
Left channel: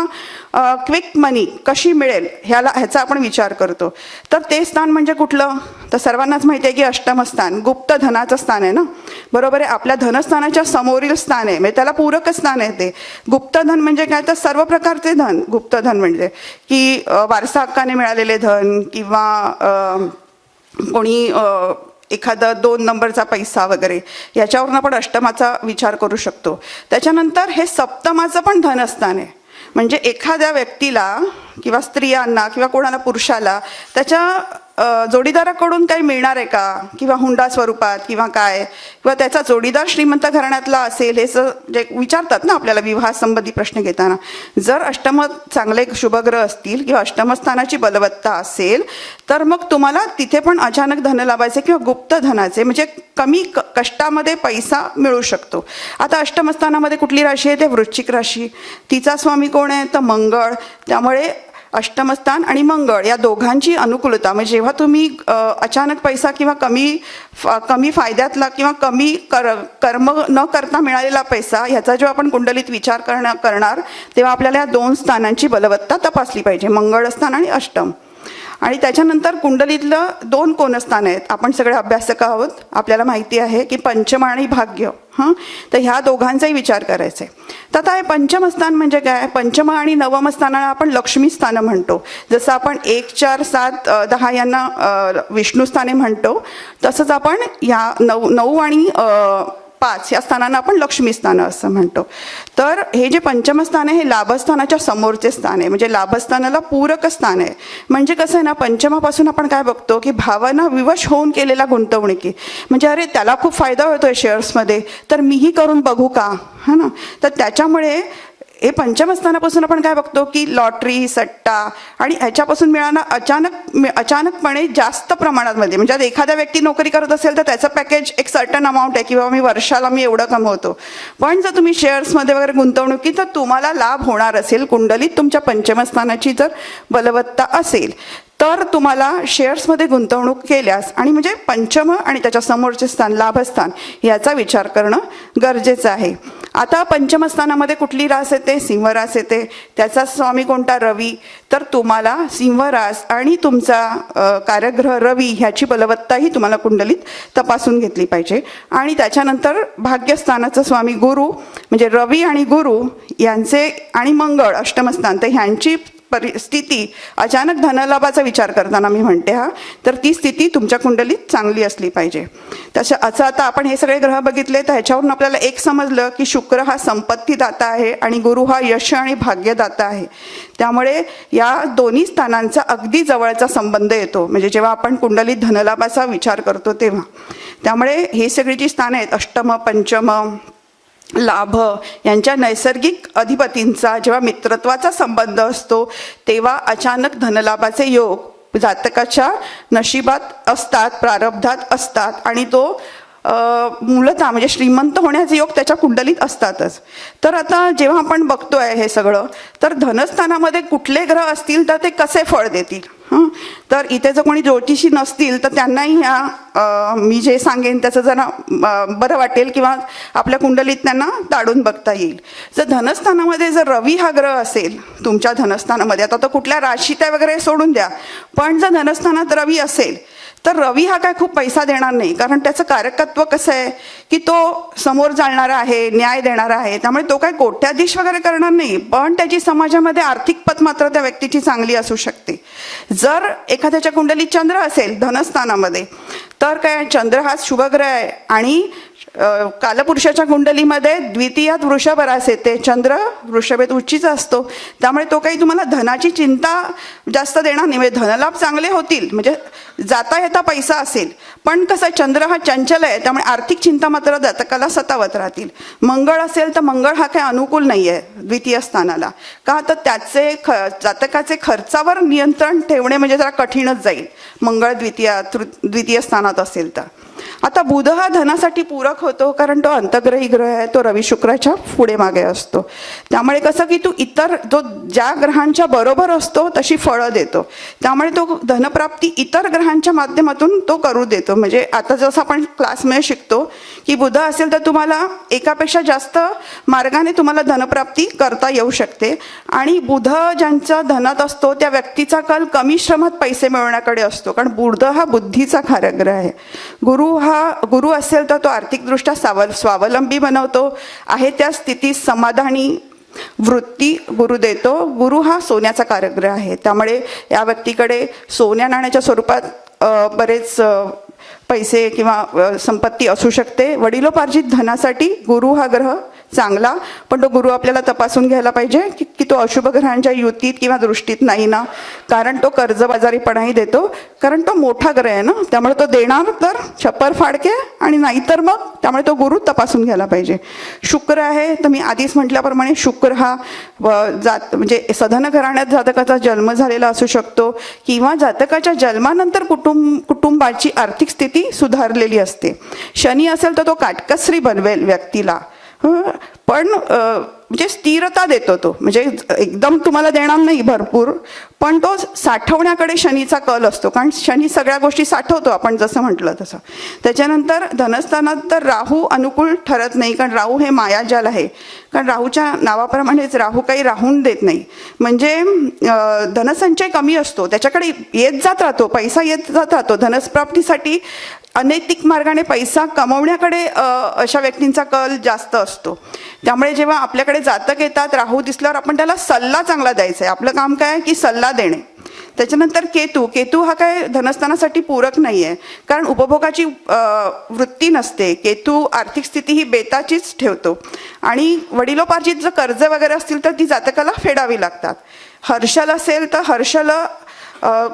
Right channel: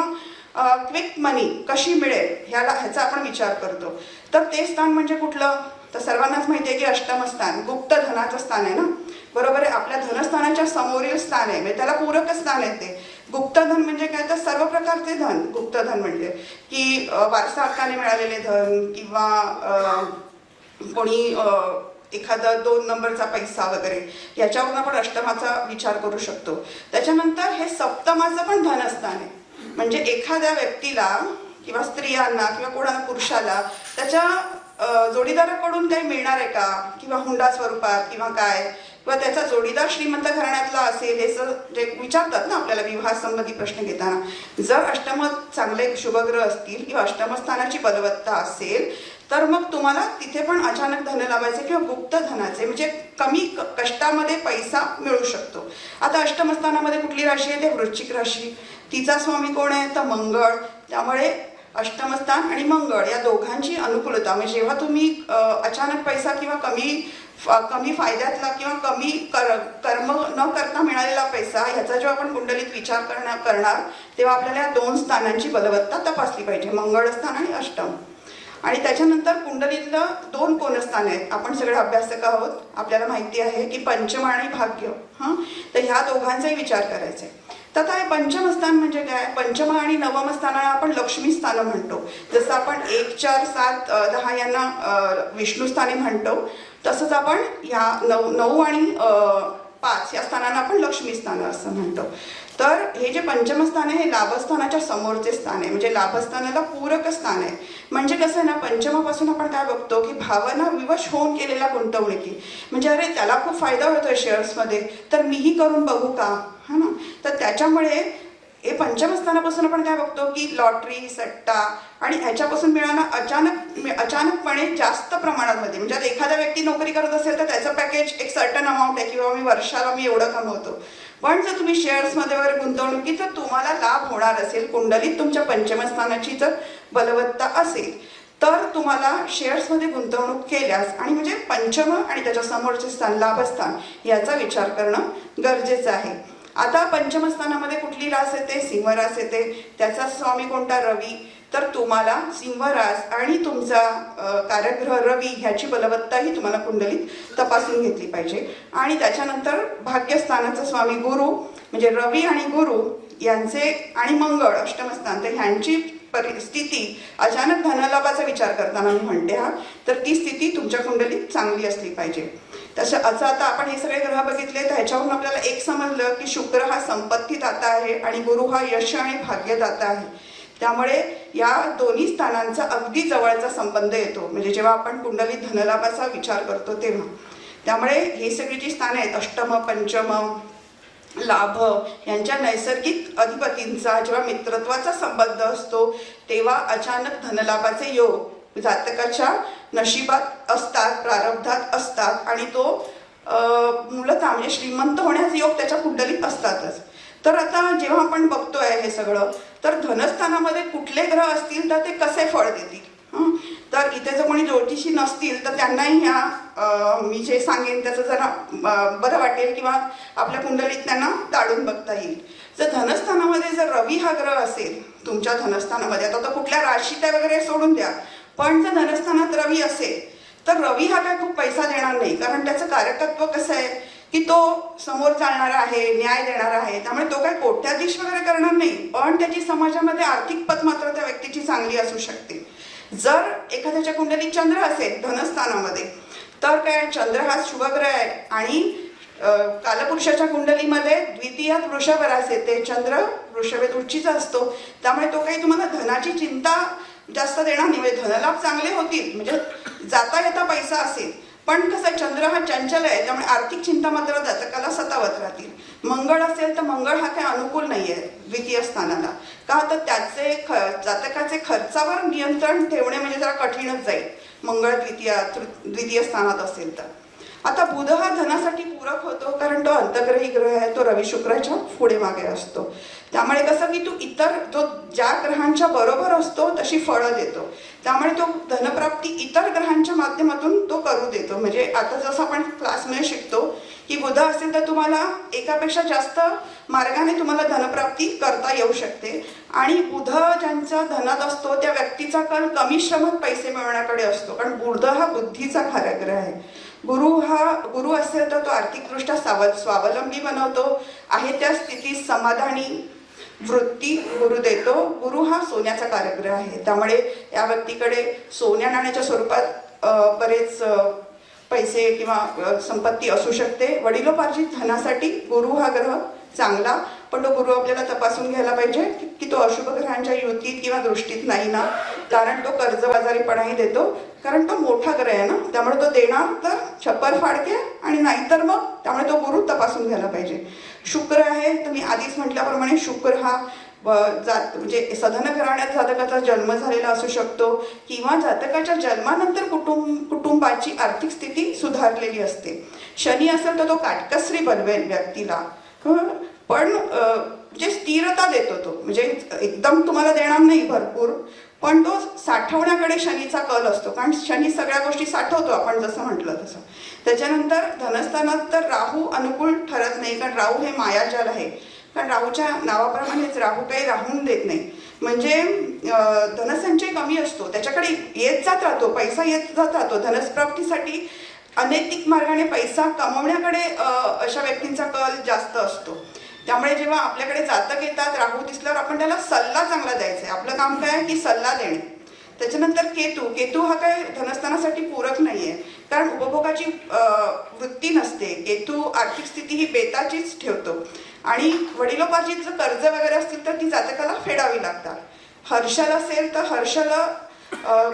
क्विक मनी कशी मिळेल ह्याचा आपण विचार करतो. तर ते स्थान म्हणजे कुठलं तर सर्वांनाच माहिती आहे की अष्टमस्थान गुप्त धनाचं स्थान आहे ना, बरोबर आहे. आपल्या धनस्थानाच्या समोरील स्थान आहे, म्हणजे त्याला पूरक स्थान आहे ते. गुप्तधन म्हणजे काय तर सर्व प्रकारचे धन. गुप्तधन म्हणजे की वारसा हक्काने मिळालेले धन किंवा कोणी एखादा 2 नंबरचा पैसा वगैरे, याच्यावरून आपण अष्टमाचा विचार करू शकतो. त्याच्यानंतर हे सप्तमाचं पण धनस्थान आहे, म्हणजे एखाद्या व्यक्तीला किंवा स्त्रियांना किंवा कोणाला पुरुषाला त्याच्या जोडीदाराकडून काही मिळणार आहे का, किंवा हुंडा स्वरूपात किंवा काय, किंवा त्याचा जोडीदार श्रीमंत घराण्यातला असेल, हे जे विचारतात ना आपल्याला विवाहासंबंधी प्रश्न घेताना. जर अष्टम चांगले शुभग्रह असतील किंवा अष्टमस्थानाची बलवत्ता असेल तर मग तुम्हाला तिथे पण अचानक धन लाभायचे किंवा गुप्त धनाचे म्हणजे कमी कष्टामध्ये पैसा मिळू शकतो. आता अष्टमस्थानामध्ये कुठली राशी आहे, ते वृश्चिक राशी. तिचा स्वामी कोण आहे, तर मंगळ. त्यामुळे अष्टमस्थान आणि मंगळ या दोघांची अनुकूलता म्हणजे जेव्हा तुम्ही अचानक पैसा किंवा कमी फायद्यातला किंवा कमी कर्म न करता मिळालेला पैसा ह्याचा जेव्हा आपण कुंडलीत विचार करणार तेव्हा आपल्याला या 2 स्थानांची बलवत्ता तपासली पाहिजे, मंगळ स्थान आणि अष्टम. आणि त्याच्यानंतर कुंडलीतलं 2 कोणस्थान आहेत. आपण सगळे अभ्यासक आहोत, आपल्याला माहिती आहे की पंचम आणि भाग्य. तर ह्या दोघांचाही विचार करायचा आहे. तर आता हे पंचम स्थान म्हणजे काय, पंचम आणि नवम स्थानाला आपण लक्ष्मी स्थान म्हणतो. जसं आपण 1, 4, 7, 10 यांना विष्णू स्थाने म्हणतो, तसंच आपण या 9 आणि 5 या स्थानांना आपण लक्ष्मी स्थान असं म्हणतो. तर हे जे पंचम स्थान आहे हे लाभस्थानाच्या समोरचे स्थान आहे, म्हणजे लाभस्थानाला पूरक स्थान आहे. म्हणजे कसं आहे ना, पंचमापासून आपण काय बघतो की भावना विवश होऊन केलेल्या गुंतवणुकी, म्हणजे अरे त्याला खूप फायदा होतोय शेअर्समध्ये तर मीही करून बघू का, हा ना. तर त्याच्यामुळे हे पंचमस्थानापासून आपण काय बघतो की लॉटरी, सट्टा आणि ह्याच्यापासून मिळाणं अचानकपणे जास्त प्रमाणामध्ये, म्हणजे आता एखाद्या व्यक्ती नोकरी करत असेल तर त्याचं पॅकेज एक सर्टन अमाऊंट आहे किंवा वर्षाला मी एवढं कमवतो. पण जर तुम्ही शेअर्समध्ये वगैरे गुंतवणुकी तर तुम्हाला लाभ होणार असेल कुंडलीत तुमच्या पंचमस्थानाची जर बलवत्ता असेल तर तुम्हाला शेअर्समध्ये गुंतवणूक केल्यास आणि म्हणजे पंचम आणि त्याच्या समोरचे स्थान लाभस्थान याचा विचार करणं गरजेचं आहे. आता पंचमस्थानामध्ये कुठली रास येते, सिंहरास येते. त्याचा स्वामी कोणता, रवी. तर तुम्हाला सिंहरास आणि तुमचा कार्यग्रह रवी ह्याची बलवत्ताही तुम्हाला कुंडलीत तपासून घेतली पाहिजे. आणि त्याच्यानंतर भाग्यस्थानाचा स्वामी गुरु म्हणजे रवी आणि गुरु यांचे आणि मंगळ अष्टमस्थान, तर ह्यांची परिस्थिती अचानक धनलाभाचा विचार करताना मी म्हणते तर ती स्थिती तुमच्या कुंडलीत चांगली असली पाहिजे. तसं आता आपण हे सगळे ग्रह बघितले तर ह्याच्यावरून आपल्याला एक समजलं की शुक्र हा संपत्तीदाता आहे आणि गुरु हा यश आणि भाग्यदाता आहे. त्यामुळे या दोन्ही स्थानांचा अगदी जवळचा संबंध येतो म्हणजे जेव्हा आपण कुंडलीत धनलाभाचा विचार करतो तेव्हा. त्यामुळे ही सगळी जी स्थानं आहेत अष्टम, पंचम, लाभ यांच्या नैसर्गिक अधिपतींचा जेव्हा मित्रत्वाचा संबंध असतो तेव्हा अचानक धनलाभाचे योग जातकाच्या नशिबात असतात, प्रारब्धात असतात आणि तो मूलतः म्हणजे श्रीमंत होण्याचे योग त्याच्या कुंडलीत असतातच. तर आता जेव्हा आपण बघतोय हे सगळं तर धनस्थानामध्ये कुठले ग्रह असतील तर ते कसे फळ देतील. तर इथे जर कोणी ज्योतिषी नसतील तर त्यांनाही ह्या मी जे सांगेन त्याचं जरा बरं वाटेल किंवा आपल्या कुंडलीत त्यांना ताडून बघता येईल. जर धनस्थानामध्ये जर रवी हा ग्रह असेल तुमच्या धनस्थानामध्ये, आता तो कुठल्या राशीत आहे वगैरे सोडून द्या, पण जर धनस्थानात रवी असेल तर रवी हा काय खूप पैसा देणार नाही, कारण त्याचं कारकत्व कसं आहे की तो समोर चालणारा आहे, न्याय देणारा आहे. त्यामुळे तो काय कोट्याधीश वगैरे करणार नाही, पण त्याची समाजामध्ये आर्थिक पत मात्र त्या व्यक्तीची चांगली असू शकते. जर एखाद्याच्या कुंडलीत चंद्र असेल धनस्थानामध्ये तर काय, चंद्र हा शुभग्रह आहे आणि कालपुरुषाच्या कुंडलीमध्ये द्वितीयात वृषभ रास येते, चंद्र वृषभेत उच्चीचा असतो. त्यामुळे तो काही तुम्हाला धनाची चिंता जास्त देणार नाही, म्हणजे धनलाभ चांगले होतील, म्हणजे जाता येता पैसा असेल. पण कसं चंद्र हा चंचल आहे त्यामुळे आर्थिक चिंता मात्र जातकाला सतावत राहतील. मंगळ असेल तर मंगळ हा काही अनुकूल नाही आहे द्वितीय स्थानाला, का तर त्याचे जातकाचे खर्चावर नियंत्रण ठेवणे म्हणजे जरा कठीणच जाईल मंगळ द्वितीय स्थानात असेल तर. आता बुध हा धनासाठी पूरक होतो कारण तो अंतग्रही ग्रह आहे, तो रवी शुक्राच्या पुढे मागे असतो. त्यामुळे कसं की तो ज्या ग्रहांच्या बरोबर असतो तशी फळं देतो. त्यामुळे तो धनप्राप्ती इतर ग्रहांच्या माध्यमातून तो करू देतो. म्हणजे आता जसं आपण क्लासमध्ये शिकतो की बुध असेल तर तुम्हाला एकापेक्षा जास्त मार्गाने तुम्हाला धनप्राप्ती करता येऊ शकते. आणि बुध ज्यांच्या धनात असतो त्या व्यक्तीचा कल कमी श्रमात पैसे मिळवण्याकडे असतो, कारण बुध हा बुद्धीचा कार्यग्रह आहे. गुरु असेल तर तो आर्थिकदृष्ट्या स्वावलंबी बनवतो आहे, त्या स्थितीत समाधानी वृत्ती गुरु देतो. गुरु हा सोन्याचा कार्यग्रह आहे, त्यामुळे या व्यक्तीकडे सोन्या नाण्याच्या स्वरूपात बरेच पैसे किंवा संपत्ती असू शकते. वडिलोपार्जित धनासाठी गुरु हा ग्रह चांगला, पण तो गुरु आपल्याला तपासून घ्यायला पाहिजे की तो अशुभ ग्रहांच्या युतीत किंवा दृष्टीत नाही ना, कारण तो कर्जबाजारीपणाही देतो, कारण तो मोठा ग्रह आहे ना, त्यामुळे तो देणार तर छप्पर फाडके, आणि नाहीतर मग त्यामुळे तो गुरु तपासून घ्यायला पाहिजे. शुक्र आहे तर मी आधीच म्हटल्याप्रमाणे शुक्र हा म्हणजे सधन घराण्यात जातकाचा जन्म झालेला असू शकतो, किंवा जातकाच्या जन्मानंतर कुटुंबाची आर्थिक स्थिती सुधारलेली असते. शनी असेल तर तो काटकसरी बनवेल व्यक्तीला, पण म्हणजे स्थिरता देतो तो, म्हणजे एकदम तुम्हाला देणार नाही भरपूर, पण तो साठवण्याकडे शनीचा कल असतो, कारण शनी सगळ्या गोष्टी साठवतो आपण जसं म्हटलं तसं. त्याच्यानंतर धनस्थानात तर राहू अनुकूल ठरत नाही, कारण राहू हे मायाजाल आहे, कारण राहूच्या नावाप्रमाणेच राहू काही राहून देत नाही, म्हणजे धनसंचय कमी असतो, त्याच्याकडे येत जात राहतो, पैसा येत जात राहतो. धनप्राप्तीसाठी अनैतिक मार्गाने पैसा कमवण्याकडे अशा व्यक्तींचा कल जास्त असतो. त्यामुळे जेव्हा आपल्याकडे जातक येतात राहू दिसल्यावर आपण त्याला सल्ला चांगला द्यायचा आहे. आपलं काम काय की सल्ला देणे. त्याच्यानंतर केतू हा काय धनस्थानासाठी पूरक नाही आहे, कारण उपभोगाची वृत्ती नसते. केतू आर्थिक स्थिती ही बेताचीच ठेवतो, आणि वडिलोपार्जित जर कर्ज वगैरे असतील तर ती जातकाला फेडावी लागतात. हर्षल असेल तर हर्षल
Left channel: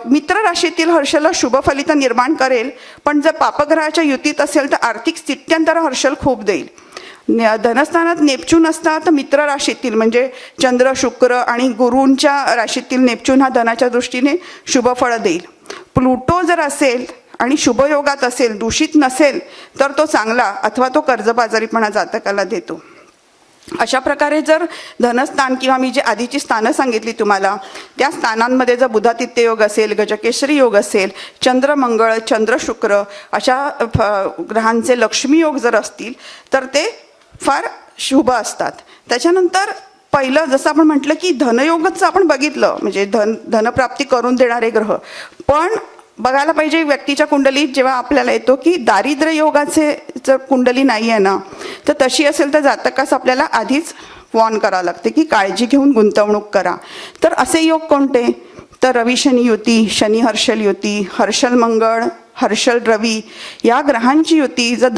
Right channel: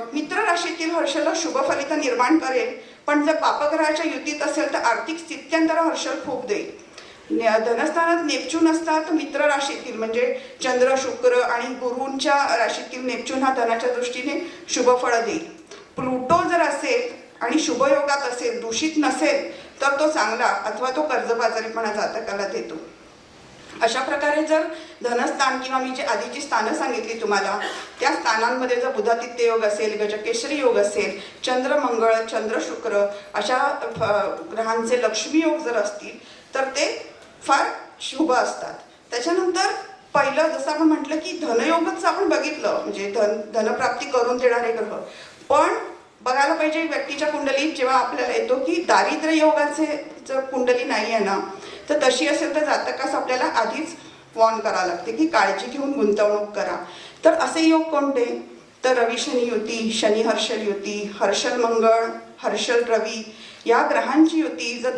मित्र राशीतील हर्षल शुभ फलित निर्माण करेल, पण जर पापग्रहाच्या युतीत असेल तर आर्थिक स्थित्यंतर हर्षल खूप देईल. धनस्थानात नेपच्यून असतात तर मित्र राशीतील म्हणजे चंद्र शुक्र आणि गुरूंच्या राशीतील नेपच्यून हा धनाच्या दृष्टीने शुभ फळ देईल. प्लुटो जर असेल आणि शुभयोगात असेल, दूषित नसेल तर तो चांगला, अथवा तो कर्जबाजारीपणा जातकाला देतो. अशा प्रकारे जर धनस्थान किंवा मी जी आधीची स्थानं सांगितली तुम्हाला, त्या स्थानांमध्ये जर बुधादित्य योग असेल, गजकेसरी योग असेल, चंद्र मंगळ, चंद्र शुक्र अशा ग्रहांचे लक्ष्मी योग जर असतील तर ते फार शुभ असतात. त्याच्यानंतर पहिलं जसं आपण म्हटलं की धनयोगच आपण बघितलं, म्हणजे धनप्राप्ती करून देणारे ग्रह, पण बघायला पाहिजे व्यक्तीच्या कुंडलीत जेव्हा आपल्याला येतो की दारिद्र्य योगाचे जर कुंडली नाही आहे ना, तर तशी असेल तर जातकास आपल्याला आधीच वॉर्न करावं लागते की काळजी घेऊन गुंतवणूक करा. तर असे योग कोणते, तर रवी शनी युती, शनी हर्षल युती, हर्षल मंगळ, हर्षल रवी या ग्रहांची युती जर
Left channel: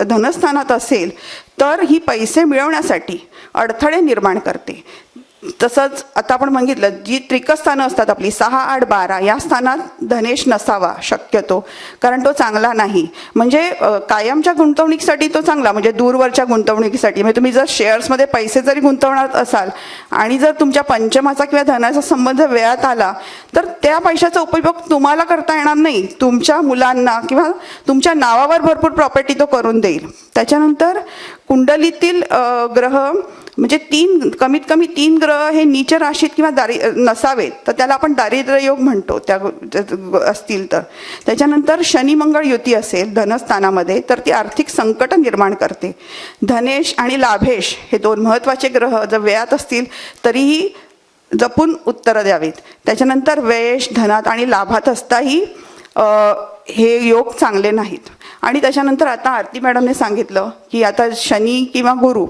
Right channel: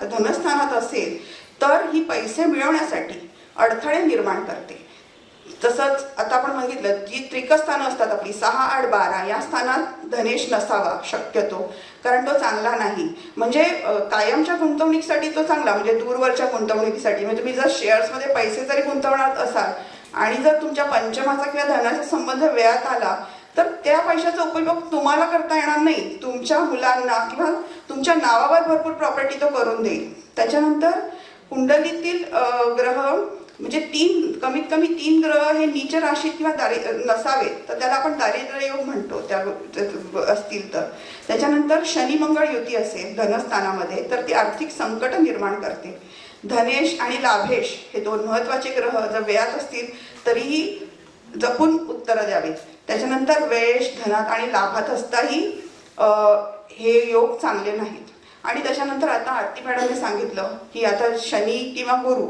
धनस्थानात असेल तर ही पैसे मिळवण्यासाठी अडथळे निर्माण करते. तसंच आता आपण बघितलं जी त्रिकस्थानं असतात आपली 6, 8, 12 या स्थानात धनेश नसावा शक्यतो, कारण तो चांगला नाही. म्हणजे कायमच्या गुंतवणुकीसाठी तो चांगला, म्हणजे दूरवरच्या गुंतवणुकीसाठी, म्हणजे तुम्ही जर शेअर्समध्ये पैसे जरी गुंतवणार असाल आणि जर तुमच्या पंचमाचा किंवा धनाचा संबंध वेळात आला तर त्या पैशाचा उपयोग तुम्हाला करता येणार नाही, तुमच्या मुलांना किंवा तुमच्या नावावर भरपूर प्रॉपर्टी तो करून देईल. त्याच्यानंतर कुंडलीतील ग्रह म्हणजे कमीत कमी 3 ग्रह हे नीच राशीत किंवा नसावेत, तर त्याला आपण दारिद्र्य योग म्हणतो त्या असतील तर. त्याच्यानंतर शनी मंगळ युती असेल धनस्थानामध्ये तर ती आर्थिक संकट निर्माण करते. धनेश आणि लाभेश हे 2 महत्वाचे ग्रह जर व्ययात असतील तरीही जपून उत्तर द्यावीत. त्याच्यानंतर व्ययेश धनात आणि लाभात असताही हे योग चांगले नाहीत. आणि त्याच्यानंतर आता आरती मॅडमने सांगितलं की आता शनी किंवा गुरु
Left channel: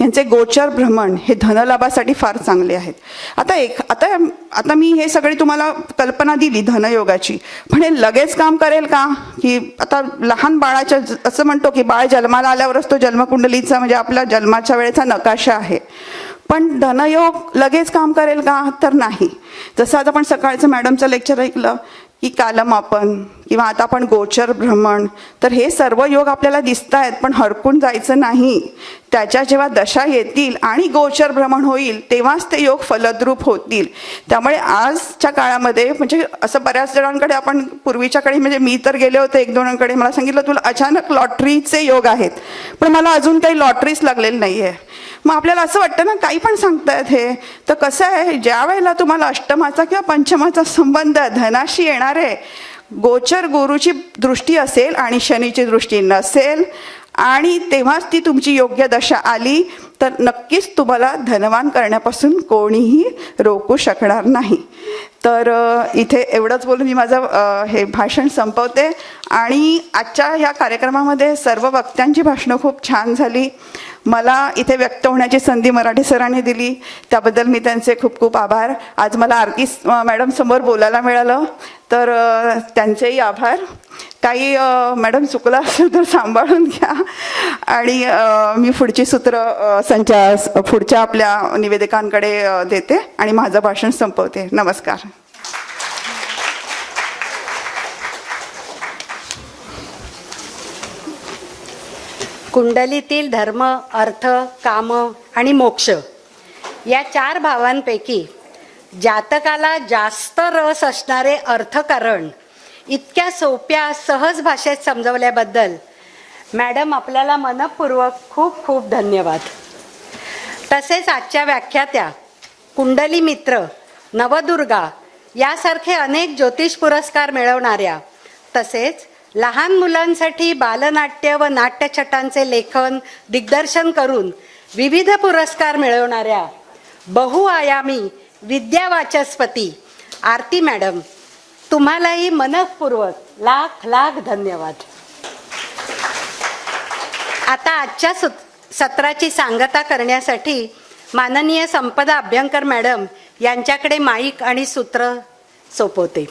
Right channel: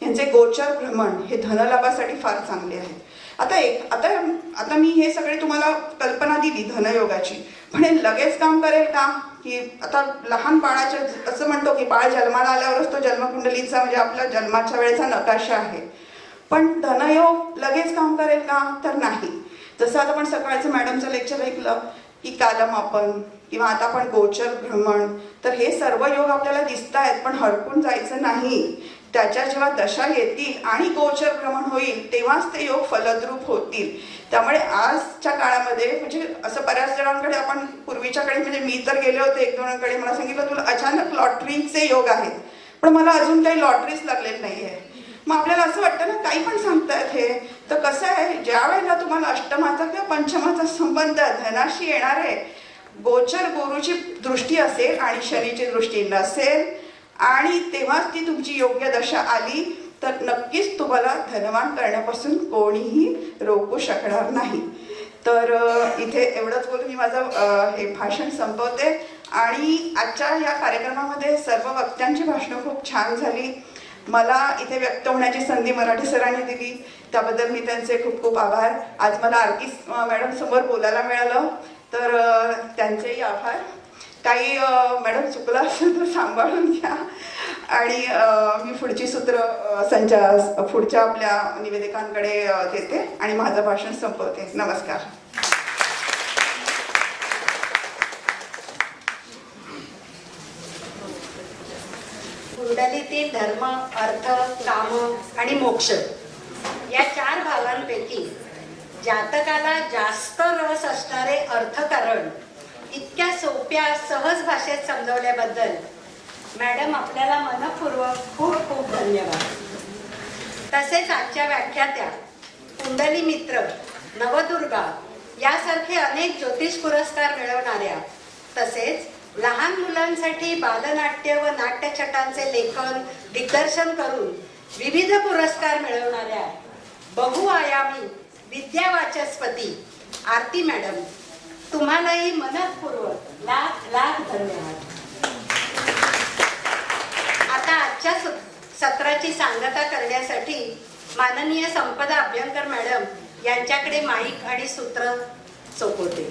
यांचे गोचर भ्रमण हे धनलाभासाठी फार चांगले आहेत. आता मी हे सगळी तुम्हाला कल्पना दिली धनयोगाची, पण हे लगेच काम करेल का, की आता लहान बाळाच्या असं म्हणतो की बाळ जन्माला आल्यावरच तो जन्मकुंडलीचा म्हणजे आपला जन्माच्या वेळेचा नकाशा आहे, पण धनयोग लगेच काम करेल का, तर नाही. जसं आता आपण सकाळचं मॅडमचं लेक्चर ऐकलं की कालमापन किंवा आता आपण गोचर भ्रमण, तर हे सर्व योग आपल्याला दिसत आहेत, पण हरकून जायचं नाही. त्याच्या जेव्हा दशा येतील आणि गोचर भ्रमण होईल तेव्हाच ते योग फलद्रूप होतील. त्यामुळे आजच्या काळामध्ये म्हणजे असं बऱ्याच जणांकडे आपण पूर्वीच्याकडे म्हणजे मी तर गेले होते 1-2 जणांकडे, मला सांगितलं तुला अचानक लॉटरीचे योग आहेत, पण मला अजून काही लॉटरीच लागलेली नाहीये. मग आपल्याला असं वाटतं ना काही पण सांगतायत हे, तर कसं आहे ज्या वेळेला तुम्हाला अष्टमाचा किंवा पंचमाचा संबंध धनाशी येणार आहे, गोचर गुरुची दृष्टी असेल आणि शनीची दृष्टी नसेल आणि तेव्हाच ती तुमची योग्य दशा आली तर नक्कीच तुम्हाला धनवान करण्यापासून कोणीही रोखू शकणार नाही. तर इथे एवढंच बोलून मी माझं हे भाषण संपवते. आणि आजच्या या कार्यक्रमामध्ये सर्व वक्त्यांची भाषणं खूप छान झाली. मला इथे व्यक्त होण्याची संधी मराठी सरांनी दिली, त्याबद्दल मी त्यांचे खूप खूप आभार. आज मला आरती मॅडम समोर बोलायला मिळालं तर त्यांचेही आभार. काही मॅडम चुकलं असेल तर सांभाळून घ्या आणि मी पुढची सूत्र पुढच्या आपल्या निवेदकांकडे देते आणि माझं भाषण संपवते. नमस्कार. कुंडलीतील धर्म, अर्थ, काम आणि मोक्ष या 4 भावांपैकी जातकाला जास्त रस असणारे अर्थकारण इतक्या सोप्या सहज भाषेत समजवल्याबद्दल मॅडम आपल्याला मनपूर्वक खूप खूप धन्यवाद. तसेच आजच्या व्याख्यात्या, कुंडली मित्र, नवदुर्गा यासारखे अनेक ज्योतिष पुरस्कार मिळवणाऱ्या, तसेच लहान मुलांसाठी बालनाट्य व नाट्यछटांचे लेखन दिग्दर्शन करून विविध पुरस्कार मिळवणाऱ्या बहुआयामी विद्यावाचस्पती आरती मॅडम, तुम्हालाही मनपूर्वक लाख लाख धन्यवाद. आता आजच्या सत्राची सांगता करण्यासाठी माननीय संपदा अभ्यंकर मॅडम यांच्याकडे माईक आणि सूत्र सोपवते.